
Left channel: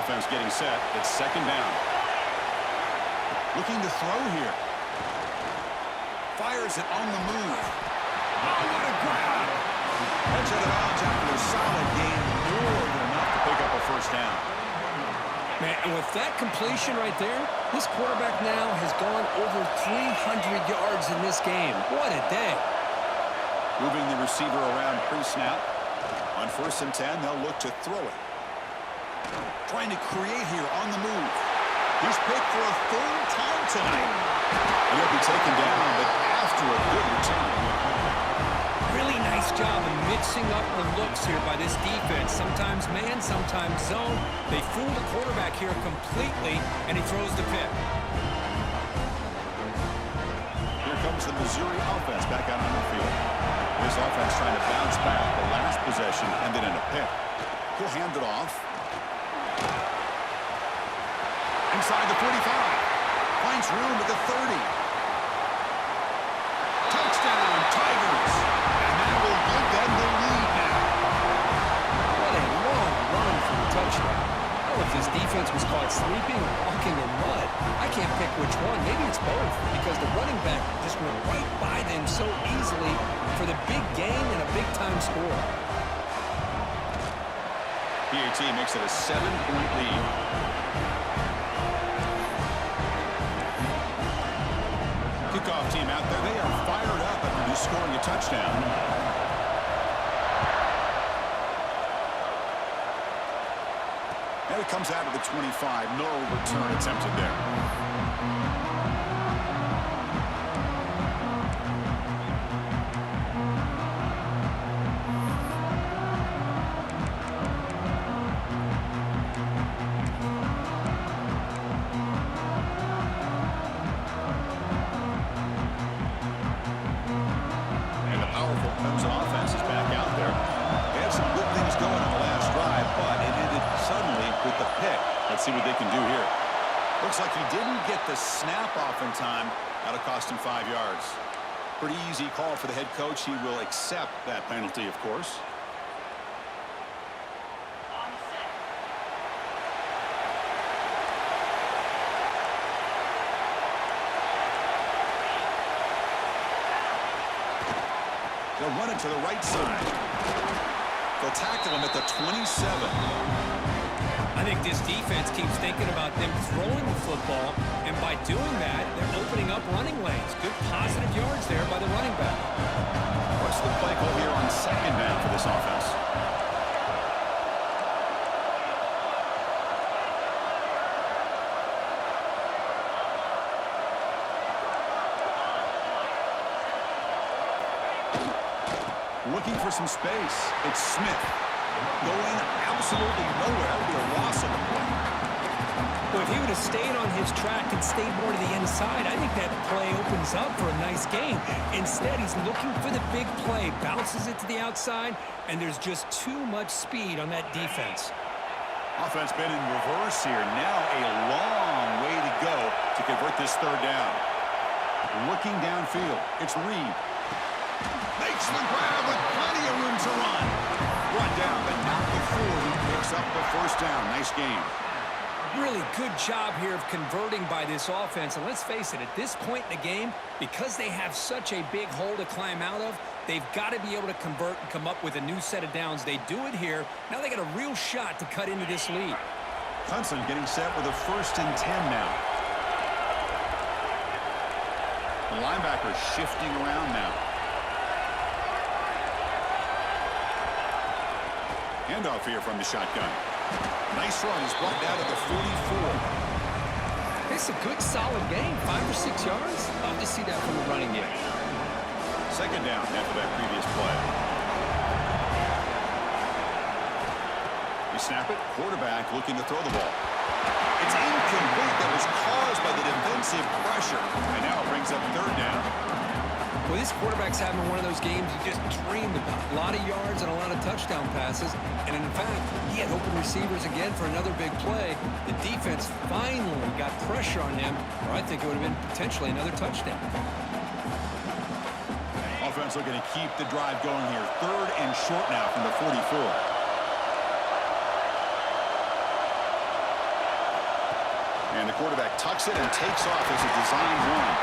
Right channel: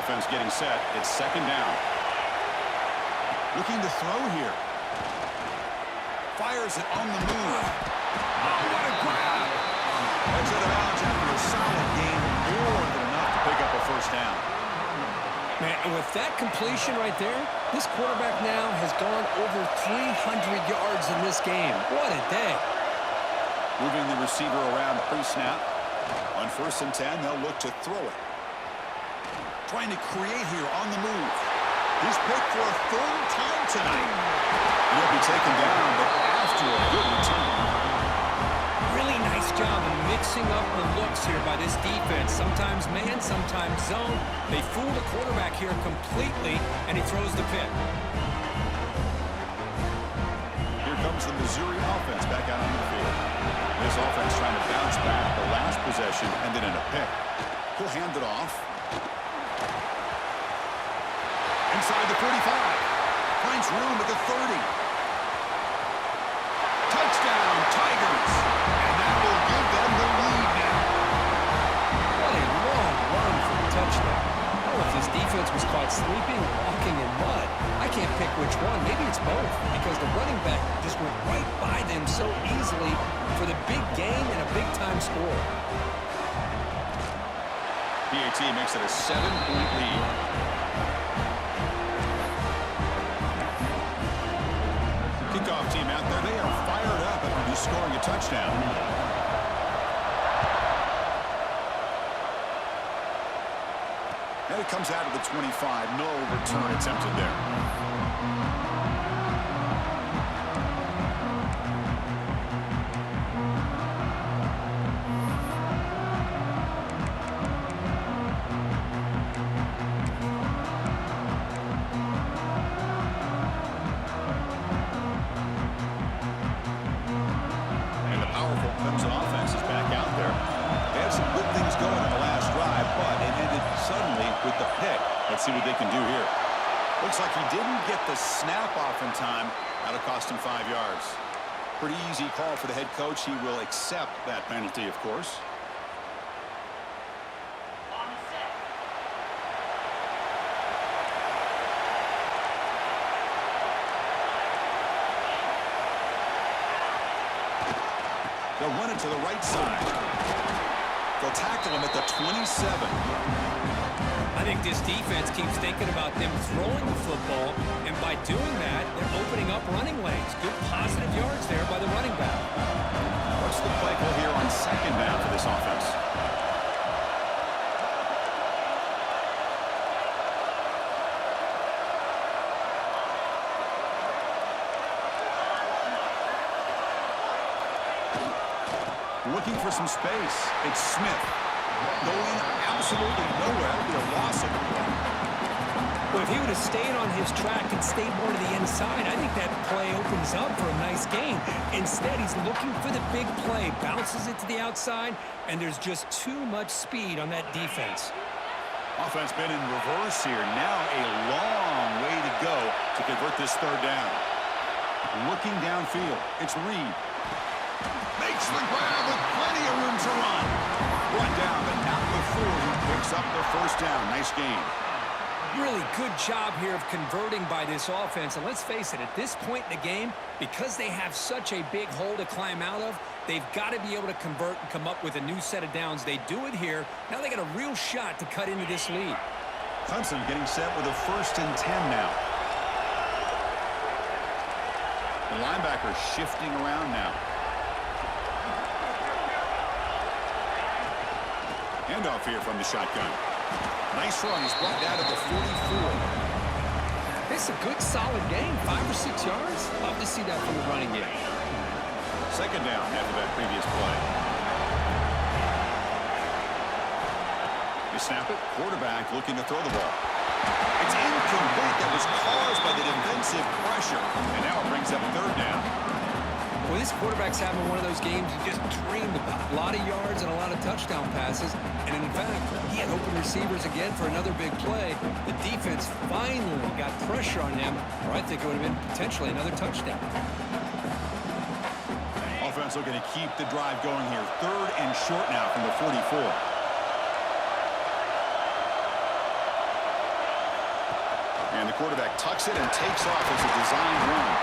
Offense getting set. It's second down. Looking to throw here. Fires it on the move. Oh, what a grab. Heads out of bounds after a solid gain, more than enough to pick up a first down. Man, and with that completion right there, this quarterback now has gone over 300 yards in this game. What a day. Moving the receiver around pre-snap. On 1st and 10, they'll look to throw it. Trying to create here on the move. He's picked for a 3rd time tonight. And he'll be taken down, but after a good return. Really nice job of mixing up the looks here by this defense. Sometimes man, sometimes zone. They fool the quarterback here completely, and he throws the pick. Here comes the Missouri offense back out on the field. This offense trying to bounce back the last possession and then in a pick. He'll hand it off. Inside the 45. Finds room at the 30. Touchdown, Tigers. And that will give them the lead now. What a long run for the touchdown. I don't know if this defense was caught sleeping or walking in mud. I can't pick which one. Maybe it's both, because the running back just went right by them so easily for the big gain and a big-time score. PAT makes it a 7-point lead. Kickoff team out there, they are fired up after just scoring a touchdown. And it comes out of the 25. No return attempted there. had some good things going on the last drive, but it ended suddenly with the pick. Let's see what they can do here. Looks like he didn't get the snap off in time. That'll cost him 5 yards. Pretty easy call for the head coach. He will accept that penalty, of course. They'll run it to the right side. They'll tackle him at the 27. I think this defense keeps thinking about them throwing the football, and by doing that, they're opening up running lanes. Good positive yards there by the running back. What's the play call here on second down for this offense? Looking for some space. It's Smith. Going absolutely nowhere. That would be a loss of the play. Well, if he would have stayed on his track and stayed more to the inside, I think that play opens up for a nice gain. Instead, he's looking for the big play, bounces it to the outside, and there's just too much speed on that defense. Offense been in reverse here. Now a long way to go to convert this third down. Looking downfield. It's Reed. Makes the grab with plenty of room to run. Run down, but not before he picks up the first down. Nice game. Really good job here of converting by this offense. And let's face it, at this point in the game, because they have such a big hole to climb out of, they've got to be able to convert and come up with a new set of downs. They do it here. Now they got a real shot to cut into this lead. Clemson getting set with a 1st and 10 now. The linebacker shifting around now. Handoff here from the shotgun. Nice run. He's brought down to the 44. It's a good, solid game. 5 or 6 yards. Love to see that from the running game. Second down after that previous play. You snap it. Quarterback looking to throw the ball. It's incomplete. That was caused by the defensive pressure. And now it brings up third down. Well, this quarterback's having one of those games you just dreamed about. A lot of yards and a lot of touchdown passes. And in fact, he had open receivers again for another big play. The defense finally got pressure on him, or I think it would have been potentially another touchdown. Offense looking to keep the drive going here. 3rd and short now from the 44. And the quarterback tucks it and takes off as a designed run.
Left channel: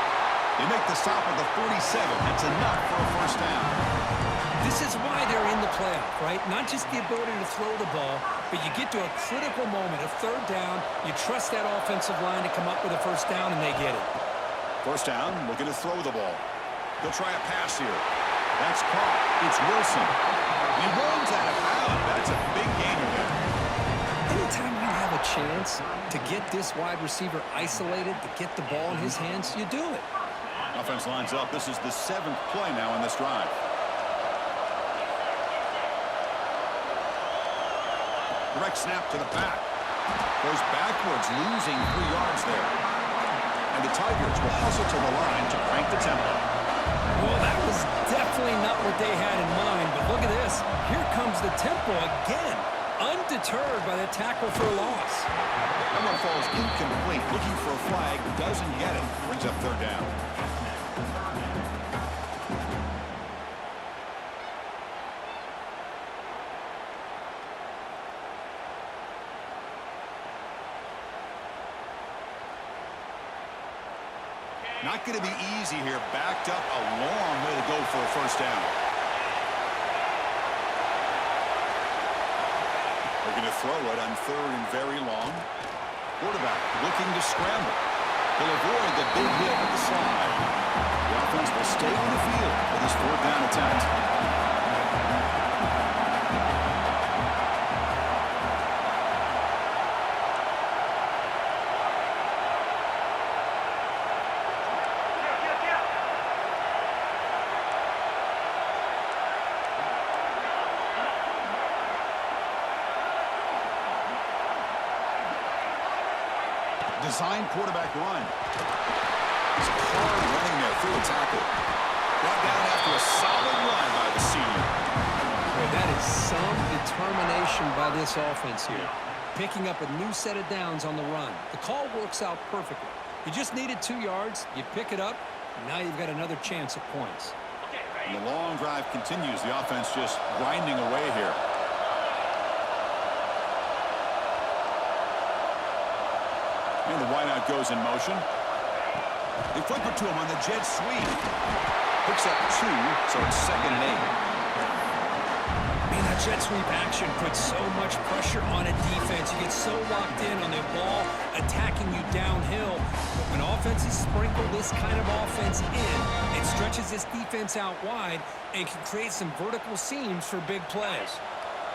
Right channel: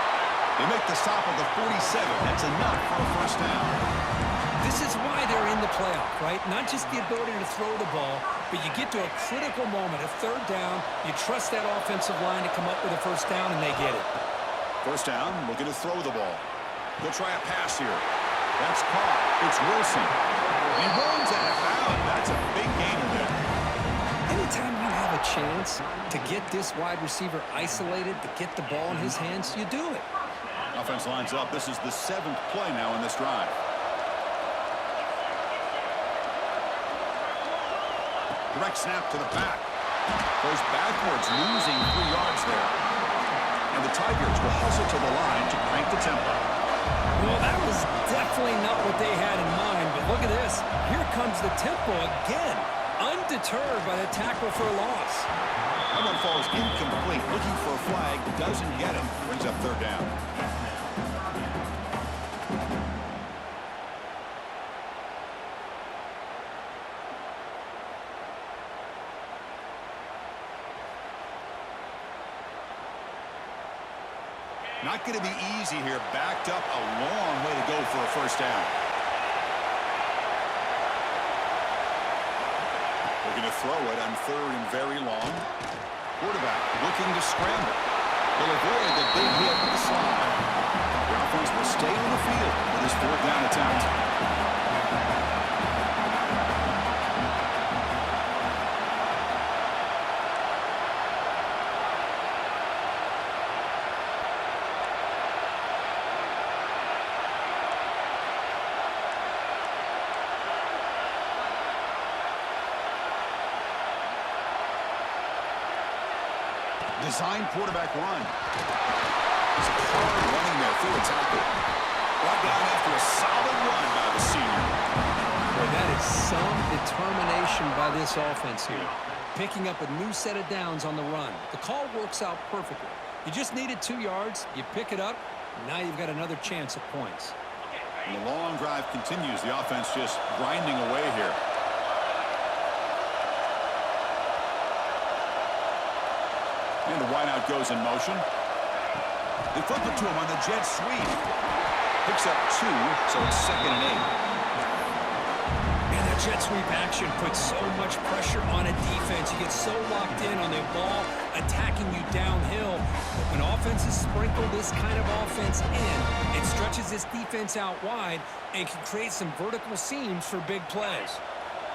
They make the stop at the 47. That's enough for a first down. This is why they're in the playoff, right? Not just the ability to throw the ball, but you get to a critical moment, a third down. You trust that offensive line to come up with a first down, and they get it. First down, looking to throw the ball. They'll try a pass here. That's caught. It's Wilson. He runs out of bounds. That's a big gainer there. Anytime you have a chance to get this wide receiver isolated, to get the ball in his hands, you do it. Offense lines up. This is the 7th play now in this drive. Direct snap to the back. Goes backwards, losing 3 yards there. And the Tigers will hustle to the line to crank the tempo. Well, that was definitely not what they had in mind, but look at this. Here comes the tempo again, undeterred by the tackle for a loss. That one falls incomplete. Looking for a flag, doesn't get it. Brings up third down. Not going to be easy here. Backed up a long way to go for a first down. Looking to throw it on 3rd and very long. Quarterback looking to scramble. He'll avoid the big hit with the slide. The offense will stay on the field with his 4th down attempt. Designed quarterback run. It's hard running there through a tackle. Brought down after a solid run by the senior. Boy, that is some determination by this offense here. Picking up a new set of downs on the run. The call works out perfectly. You just needed 2 yards. You pick it up. Now you've got another chance at points. And the long drive continues. The offense just grinding away here. And the wideout goes in motion. They flip it to him on the jet sweep. Picks up 2, so it's 2nd and 8. Man, that jet sweep action puts so much pressure on a defense. You get so locked in on the ball attacking you downhill. But when offenses sprinkle this kind of offense in, it stretches this defense out wide and can create some vertical seams for big plays.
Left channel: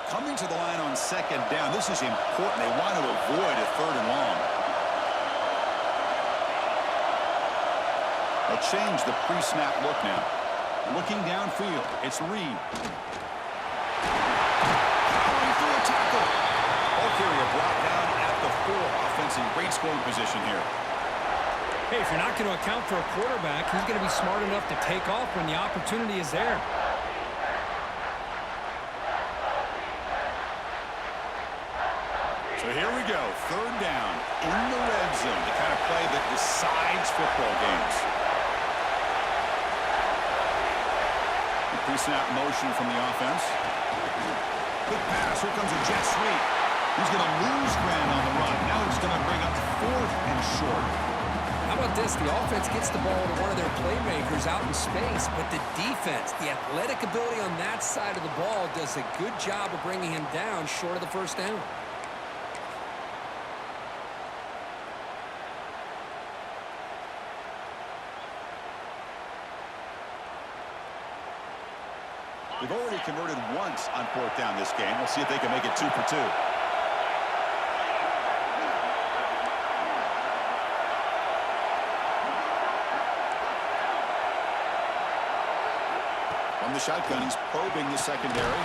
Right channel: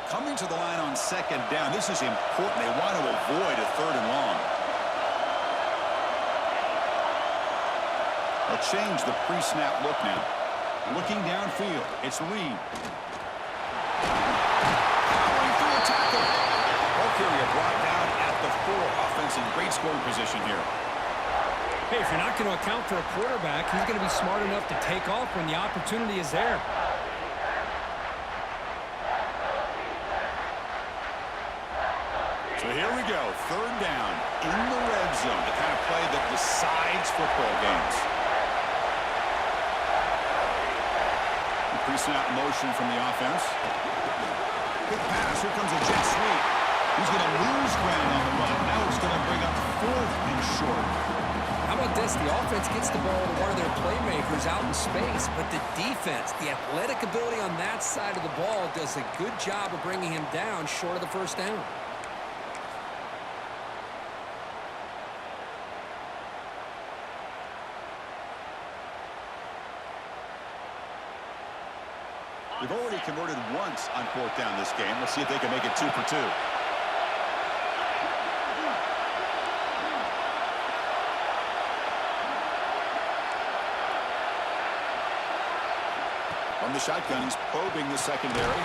Coming to the line on 2nd down. This is important. They want to avoid a 3rd and long. They'll change the pre-snap look now. Looking downfield, it's Reed. Powering through a tackle. Ball carrier brought down at the 4. Offense in great scoring position here. Hey, if you're not going to account for a quarterback, he's going to be smart enough to take off when the opportunity is there. So here we go, 3rd down in the red zone, the kind of play that decides football games. Pre-snap motion from the offense. Quick pass. Here comes a jet sweep. He's going to lose ground on the run. Now it's going to bring up 4th and short. How about this? The offense gets the ball to one of their playmakers out in space, but the defense, the athletic ability on that side of the ball does a good job of bringing him down short of the 1st down. They've already converted once on 4th down this game. Let's see if they can make it 2 for 2. From the shotgun, he's probing the secondary.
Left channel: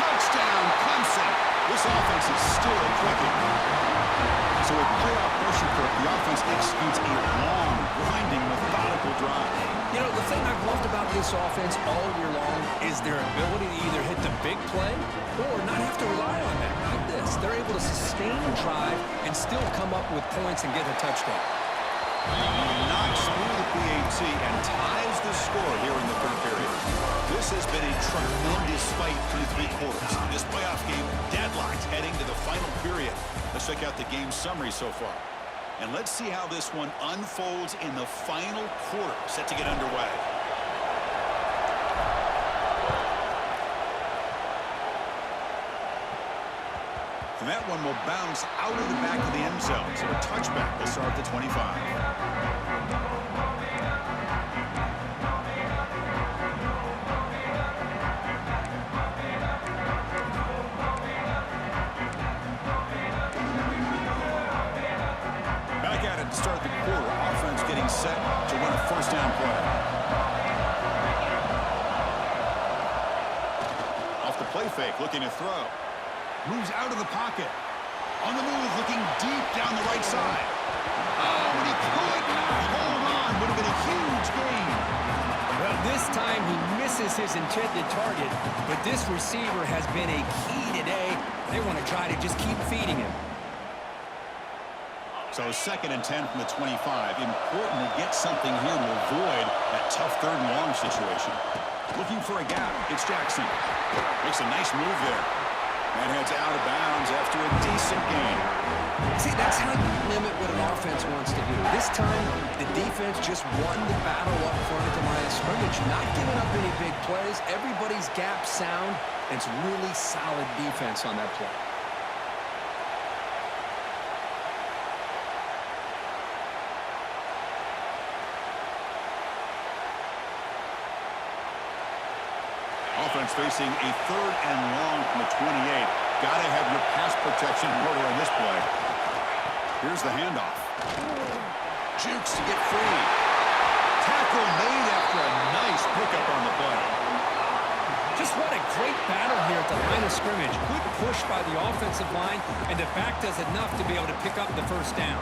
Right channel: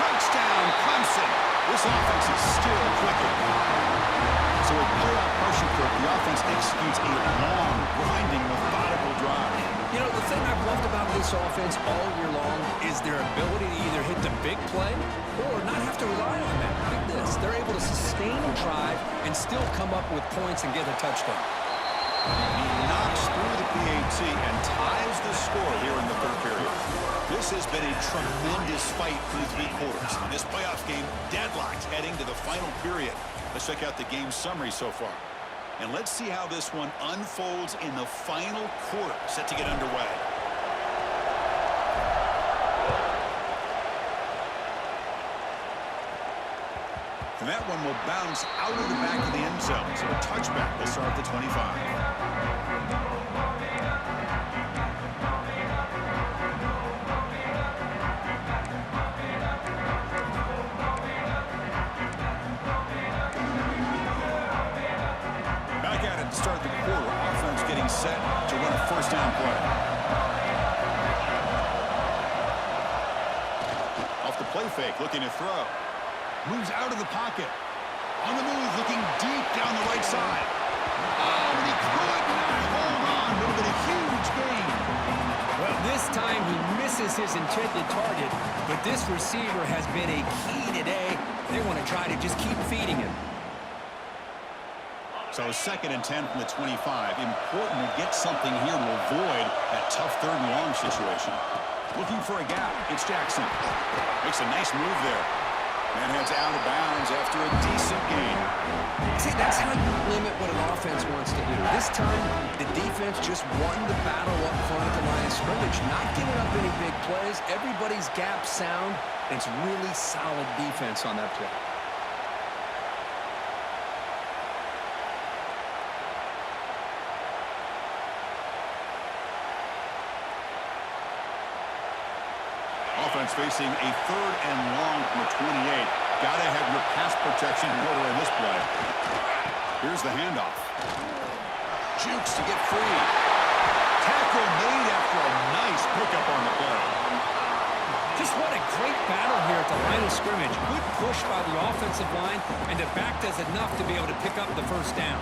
Touchdown, Clemson! This offense is still clicking. So with playoff pressure, Kirk, the offense executes a long, grinding, methodical drive. You know, the thing I've loved about this offense all year long is their ability to either hit the big play or not have to rely on that. Like this. They're able to sustain a drive and still come up with points and get a touchdown. He knocks through the PAT and ties the score here in the 3rd period. This has been a tremendous fight through 3 quarters. This playoff game deadlocked heading to the final period. Let's check out the game summary so far. And let's see how this one unfolds in the final quarter, set to get underway. And that one will bounce out of the back of the end zone. So a touchback will start at the 25. To start the quarter, offense getting set to run a 1st down play. Off the play fake, looking to throw. Moves out of the pocket. On the move, looking deep down the right side. Oh, and he could not hold on. Would have been a huge gain. Well, this time he misses his intended target, but this receiver has been a key today. They want to try to just keep feeding him. So 2nd and 10 from the 25. Important to get something here to avoid that tough 3rd and long situation. Looking for a gap. It's Jackson. Makes a nice move there. Man heads out of bounds after a decent gain. See, that's how you limit what an offense wants to do. This time, the defense just won the battle up front at the line of scrimmage, not giving up any big plays. Everybody's gap sound, and it's really solid defense on that play. Offense facing a 3rd and long from the 28. Got to have your pass protection in order in this play. Here's the handoff. Jukes to get free. Tackle made after a nice pickup on the play. Just what a great battle here at the line of scrimmage. Good push by the offensive line, and the back does enough to be able to pick up the 1st down.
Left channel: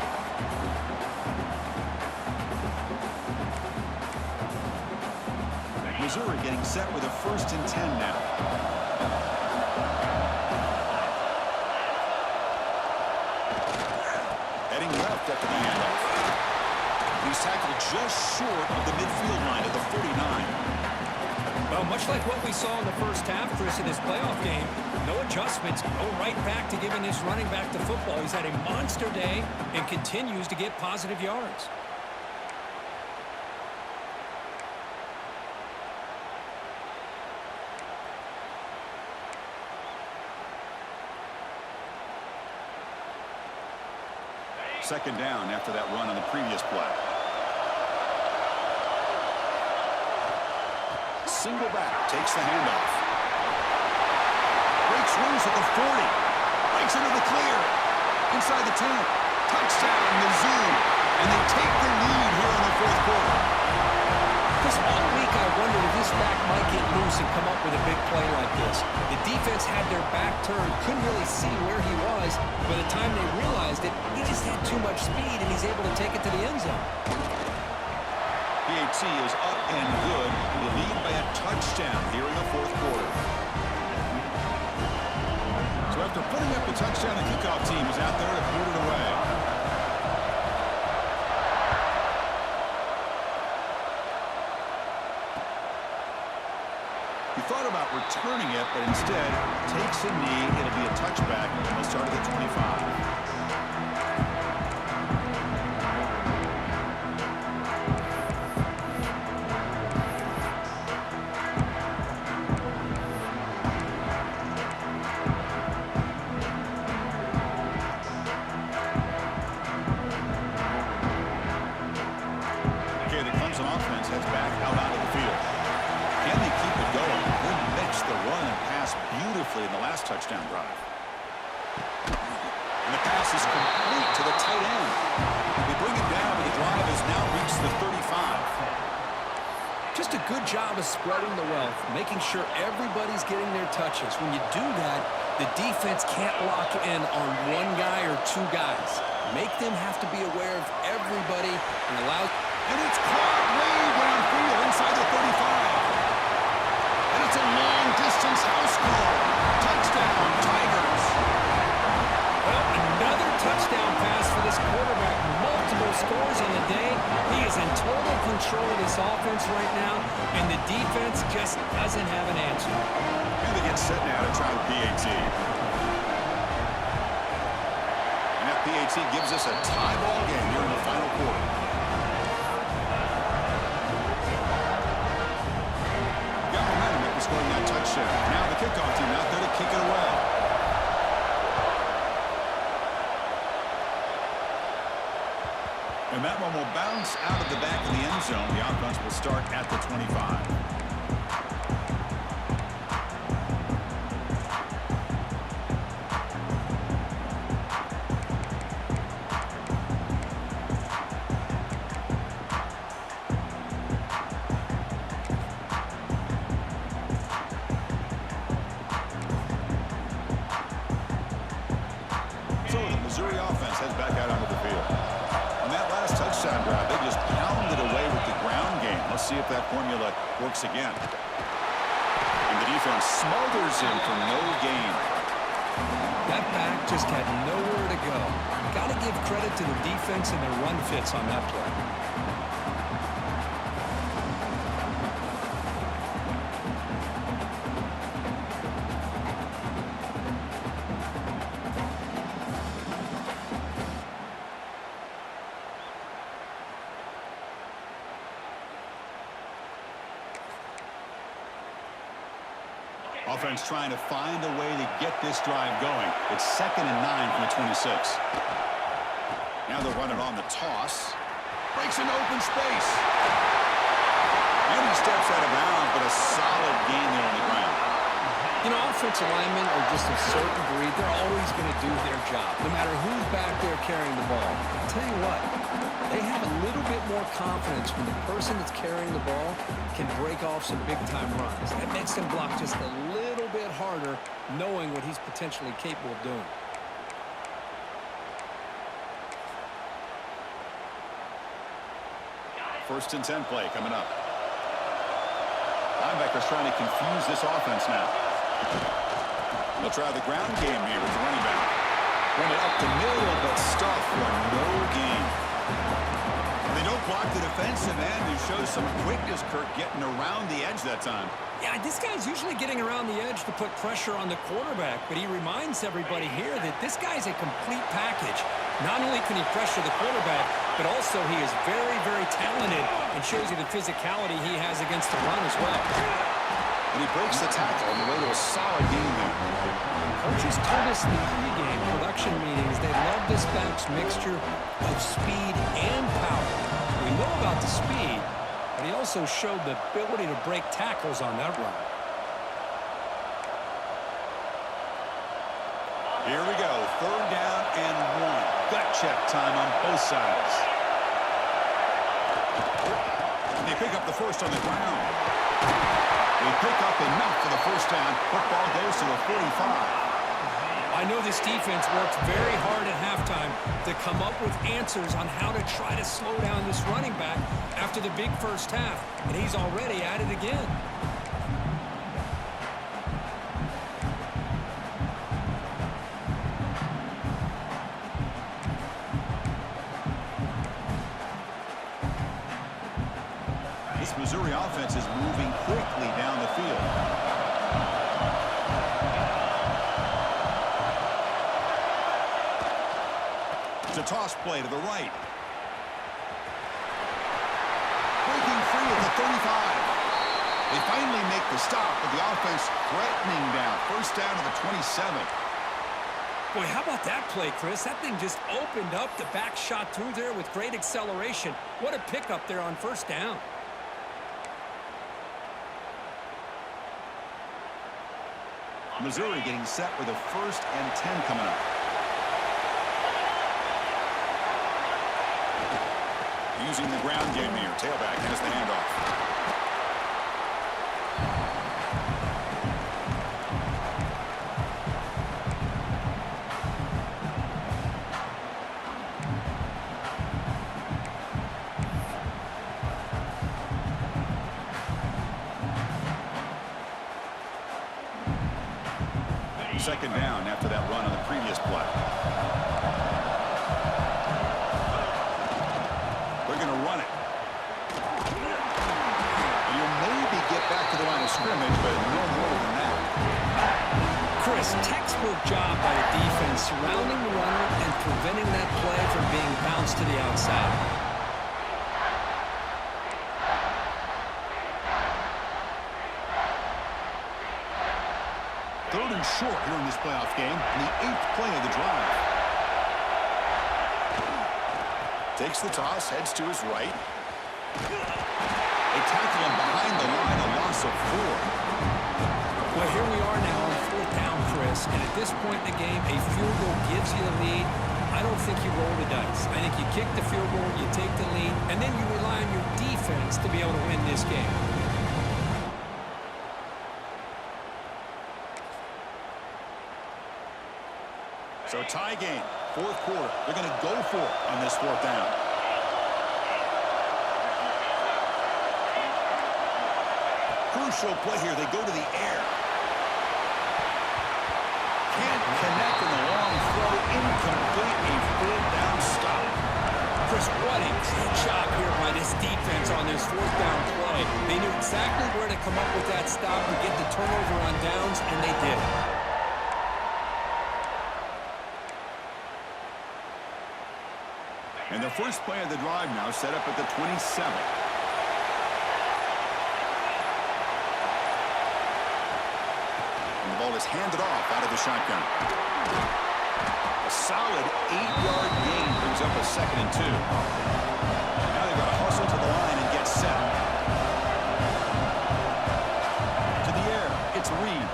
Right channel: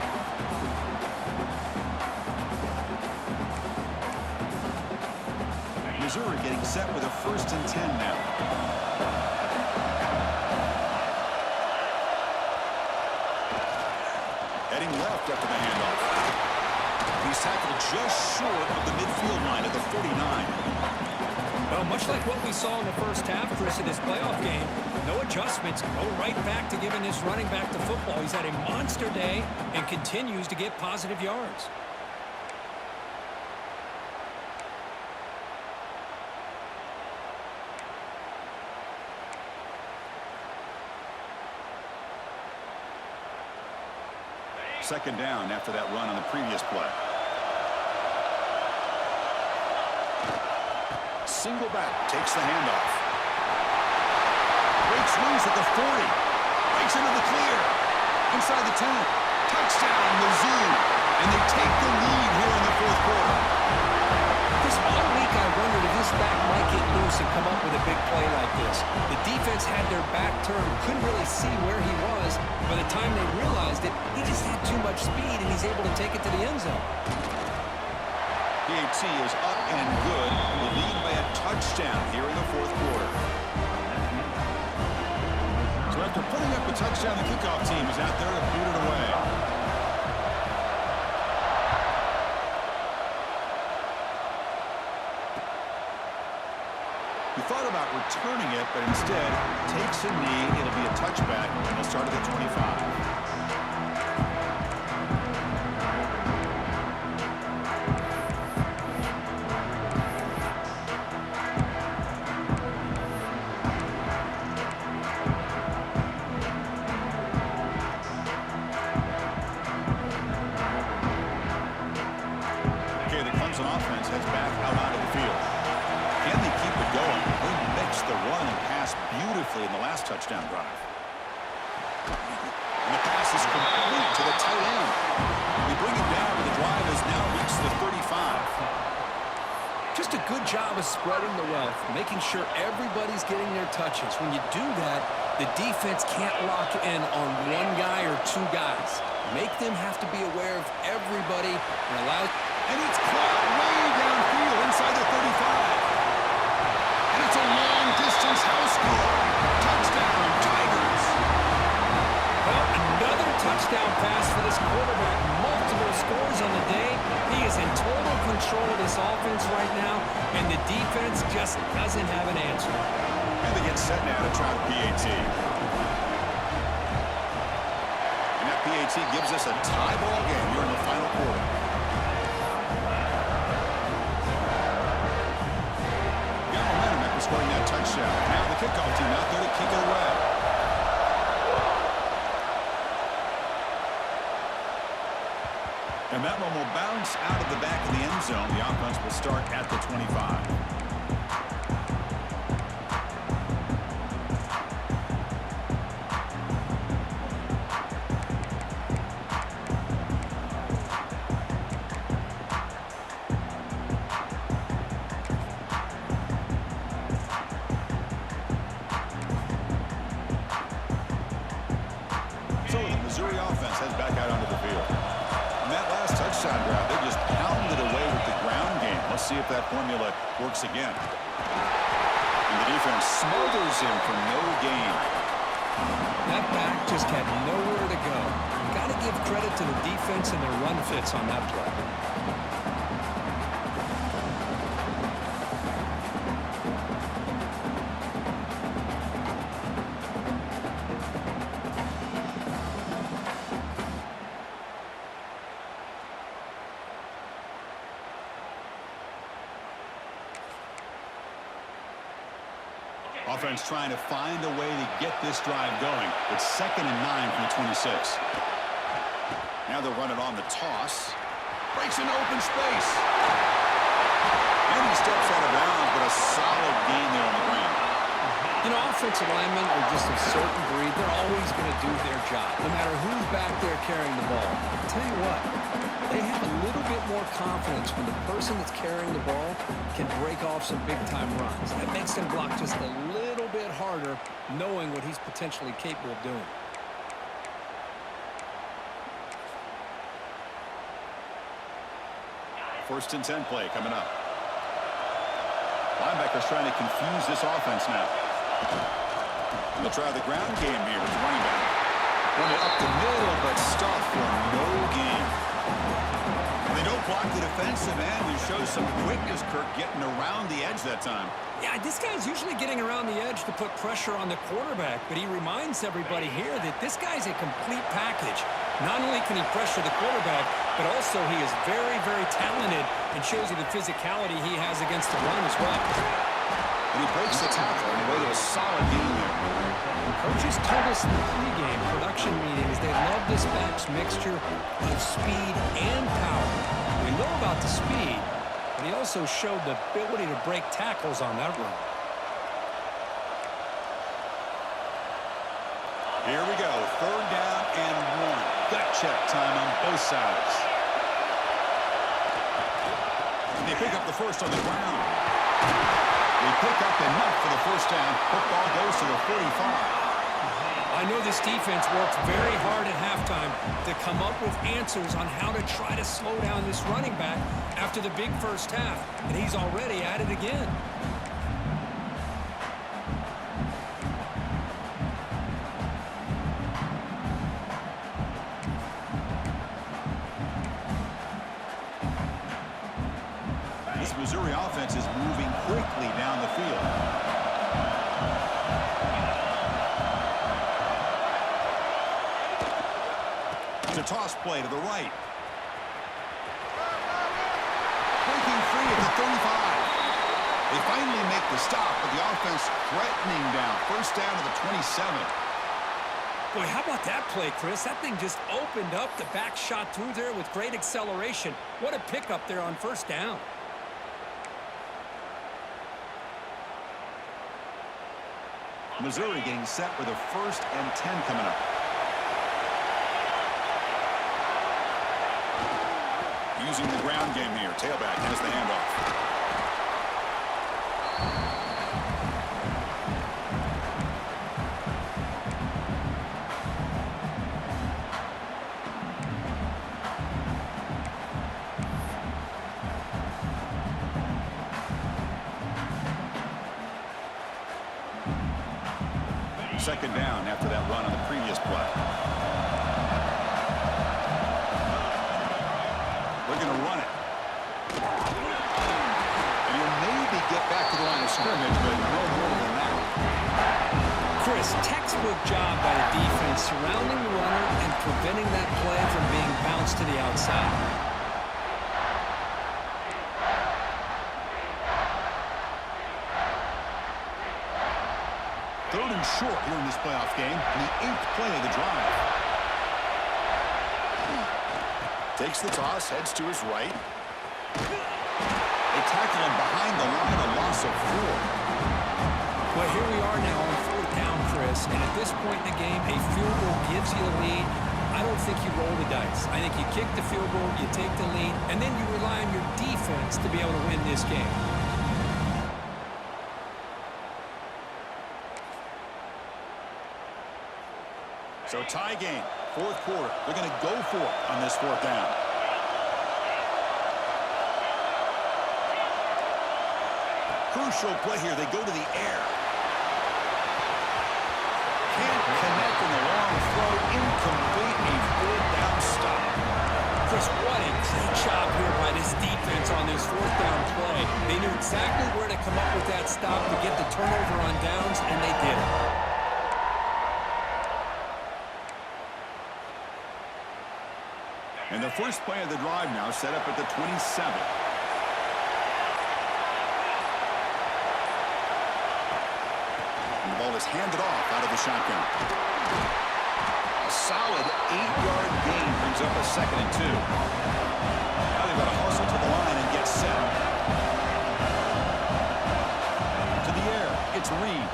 Missouri getting set with a 1st and 10 now. Heading left after the handoff. He's tackled just short of the midfield line at the 49. Well, much like what we saw in the first half, Chris, in this playoff game, no adjustments. Go right back to giving this running back the football. He's had a monster day and continues to get positive yards. Second down after that run on the previous play. Single back, takes the handoff. Breaks loose at the 40. Breaks into the clear. Inside the 10. Touchdown, Mizzou. And they take the lead here in the fourth quarter. This all week I wondered if this back might get loose and come up with a big play like this. The defense had their back turned, couldn't really see where he was. By the time they realized it, he just had too much speed, and he's able to take it to the end zone. PAT is up and good. The lead by a touchdown here in the fourth quarter. So after putting up a touchdown, the kickoff team is out there to boot it away. He thought about returning it, but instead takes a knee. It'll be a touchback, and they'll start at the 25. Offense heads back out onto the field. Can they keep it going? They mixed the run and pass beautifully in the last touchdown drive. And the pass is complete to the tight end. They bring it down, but the drive has now reached the 35. Just a good job of spreading the wealth, making sure everybody's getting their touches. When you do that, the defense can't lock in on one guy or two guys. Make them have to be aware of everybody and allow... And it's caught way downfield inside the 35. And it's a long-distance house call. Touchdown, Tigers. Well, another touchdown pass for this quarterback. Multiple scores on the day. He is in total control of this offense right now, and the defense just doesn't have an answer. And they get set now to try the PAT. And that PAT gives us a tie ball game here in the final quarter. Scoring that touchdown. Now the kickoff team out there to kick it away. And that one will bounce out of the back of the end zone. The offense will start at the 25. Missouri offense heads back out onto the field. On that last touchdown drive, they just pounded away with the ground game. Let's see if that formula works again. And the defense smothers him for no gain. That back just had nowhere to go. Got to give credit to the defense and their run fits on that play. Offense trying to find a way to get this drive going. It's 2nd and 9 from the 26. Now they'll run it on the toss. Breaks into open space. And he steps out of bounds, but a solid gain there on the ground. You know, offensive linemen are just a certain breed. They're always going to do their job, no matter who's back there carrying the ball. I'll tell you what, they have a little bit more confidence when the person that's carrying the ball can break off some big-time runs. That makes them block just a little bit harder, knowing what he's potentially capable of doing. First and 10 play coming up. Linebackers trying to confuse this offense now. They'll try the ground game here with the running back. Run it up the middle, but stuff for no gain. They don't block the defensive end and show some quickness, Kirk, getting around the edge that time. Yeah, this guy's usually getting around the edge to put pressure on the quarterback, but he reminds everybody here that this guy's a complete package. Not only can he pressure the quarterback, but also he is very, very talented and shows you the physicality he has against the run as well. And he breaks the tackle on the way to a solid gain there. Coaches told us in the pregame production meetings they love this back's mixture of speed and power. We know about the speed, but he also showed the ability to break tackles on that run. Here we go, 3rd down and 1. Gut check time on both sides. They pick up the first on the ground. They pick up enough for the first down. Football goes to the 45. I know this defense worked very hard at halftime to come up with answers on how to try to slow down this running back after the big first half, and he's already at it again. This Missouri offense is moving quickly down the field. It's a toss play to the right. Breaking free at the 35. They finally make the stop, but the offense threatening down. First down to the 27. Boy, how about that play, Chris? That thing just opened up. The back shot through there with great acceleration. What a pickup there on first down. Missouri getting set with a 1st and 10 coming up. Using the ground game here. Tailback has the handoff. Second down after that run on the previous play. They're going to run it. And you'll maybe get back to the line of scrimmage, but no more than that. Chris, textbook job by the defense surrounding the runner and preventing that play from being bounced to the outside. 3rd and short here in this playoff game. The 8th play of the drive. Takes the toss, heads to his right. They tackle him behind the line, a loss of 4. Well, here we are now on 4th down, Chris, and at this point in the game, a field goal gives you the lead. I don't think you roll the dice. I think you kick the field goal, you take the lead, and then you rely on your defense to be able to win this game. So tie game, 4th quarter. They're going to go for it on this 4th down. Crucial play here. They go to the air. Can't connect in the long throw. Incomplete. A 4th down stop. Chris, what a great job here by this defense on this 4th down play. They knew exactly where to come up with that stop to get the turnover on downs, and they did it. And the first play of the drive now set up at the 27. And the ball is handed off out of the shotgun. A solid 8-yard gain brings up a 2nd and 2. Now they've got to hustle to the line and get set. To the air, it's Reed.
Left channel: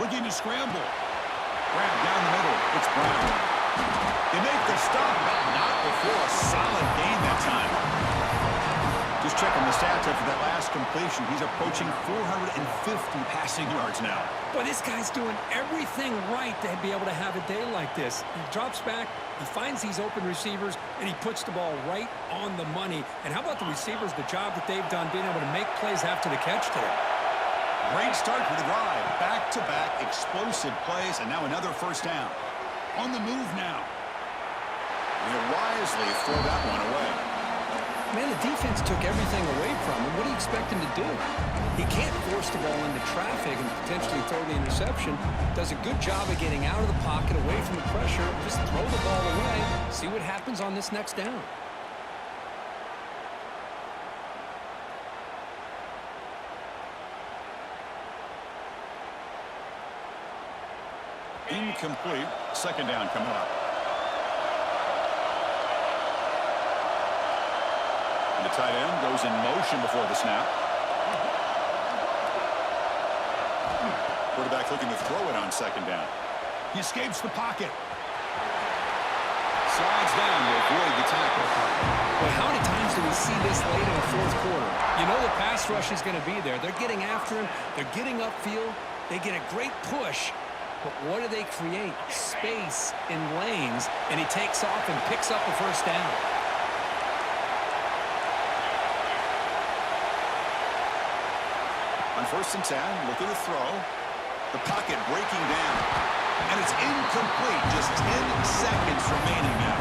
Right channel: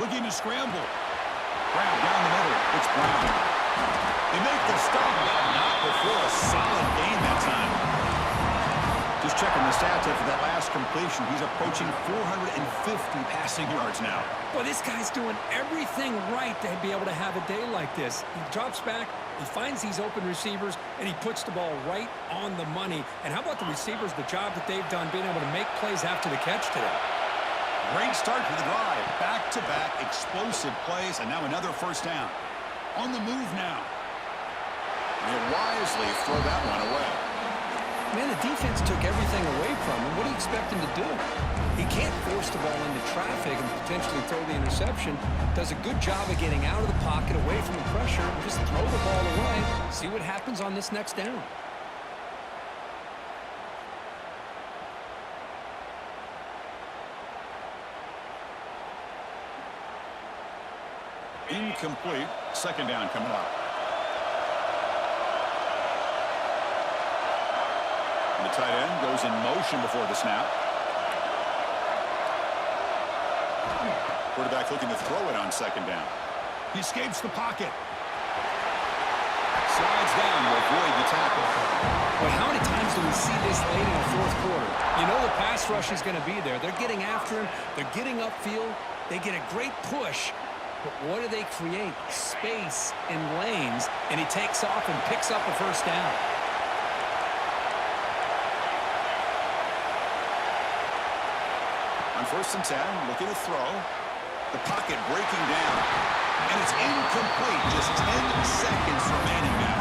Looking to scramble. Grab down the middle, it's Brown. They make the stop, but not before a solid gain that time. Just checking the stats after that last completion. He's approaching 450 passing yards now. Boy, this guy's doing everything right to be able to have a day like this. He drops back, he finds these open receivers, and he puts the ball right on the money. And how about the receivers, the job that they've done being able to make plays after the catch today? Great start for the drive. Back-to-back explosive plays, and now another first down. On the move now. He'll wisely throw that one away. Man, the defense took everything away from him. What do you expect him to do? He can't force the ball into traffic and potentially throw the interception. Does a good job of getting out of the pocket, away from the pressure, and just throw the ball away. See what happens on this next down. Incomplete. Second down coming up. The tight end goes in motion before the snap. Quarterback looking to throw it on second down. He escapes the pocket. Slides down to avoid the tackle. Boy, how many times do we see this late in the fourth quarter? You know the pass rush is going to be there. They're getting after him. They're getting upfield. They get a great push. But what do they create? Space in lanes. And he takes off and picks up a first down. On 1st and 10, looking to throw. The pocket breaking down. And it's incomplete. Just 10 seconds remaining now.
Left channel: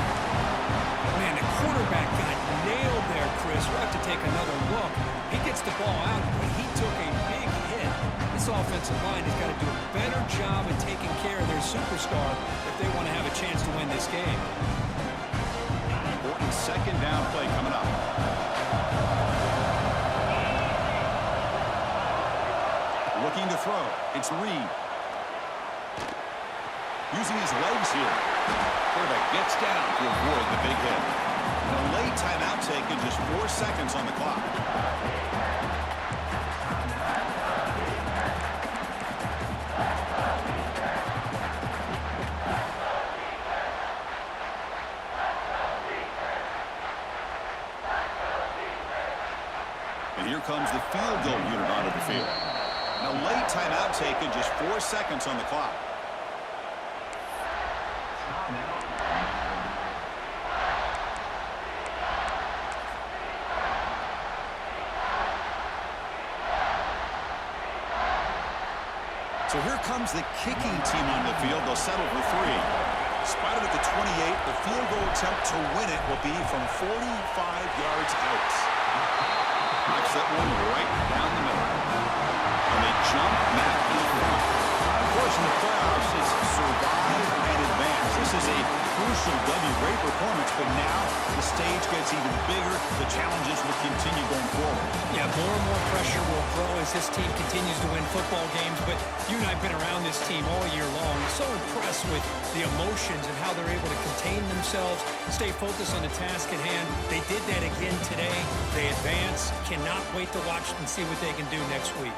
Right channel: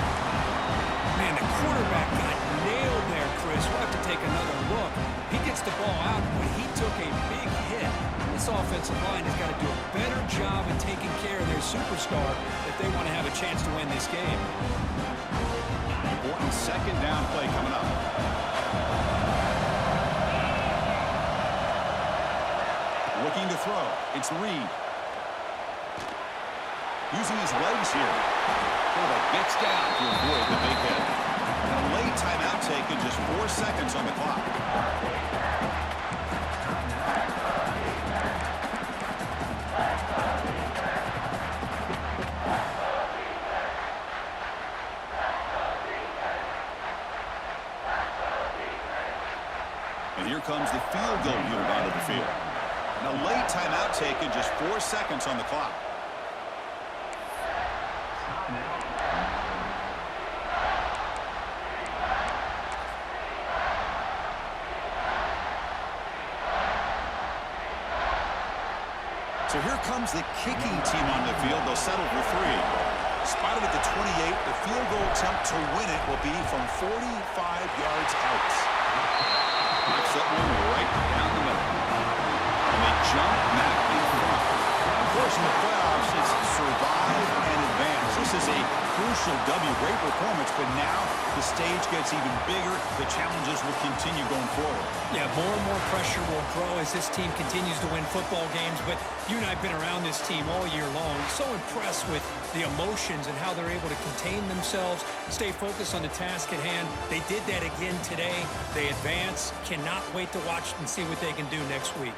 Man, the quarterback got nailed there, Chris. We'll have to take another look. He gets the ball out, but he took a big hit. This offensive line has got to do a better job of taking care of their superstar if they want to have a chance to win this game. Important second down play coming up. Looking to throw. It's Reed. Using his legs here. Quarterback gets down to avoid the big hit. And a late timeout taken, just 4 seconds on the clock. And here comes the field goal unit onto the field. And a late timeout taken, just 4 seconds on the clock. So here comes the kicking team on the field. They'll settle for 3. Spotted at the 28. The field goal attempt to win it will be from 45 yards out. Knocks that one right down the middle. And they jump back in front. Of course, in the playoffs, it's survive and advance. This is a crucial W. Great performance, but now the stage gets even bigger. The challenges will continue going forward. Yeah, more and more pressure will grow as this team continues to win football games, but you and I have been around this team all year long. So impressed with the emotions and how they're able to contain themselves, stay focused on the task at hand. They did that again today. They advance. Cannot wait to watch and see what they can do next week.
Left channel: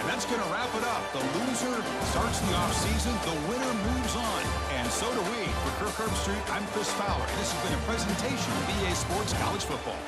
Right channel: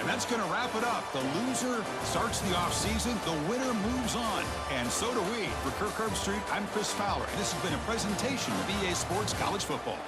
And that's going to wrap it up. The loser starts the offseason. The winner moves on. And so do we. For Kirk Herbstreit, I'm Chris Fowler. And this has been a presentation of EA Sports College Football.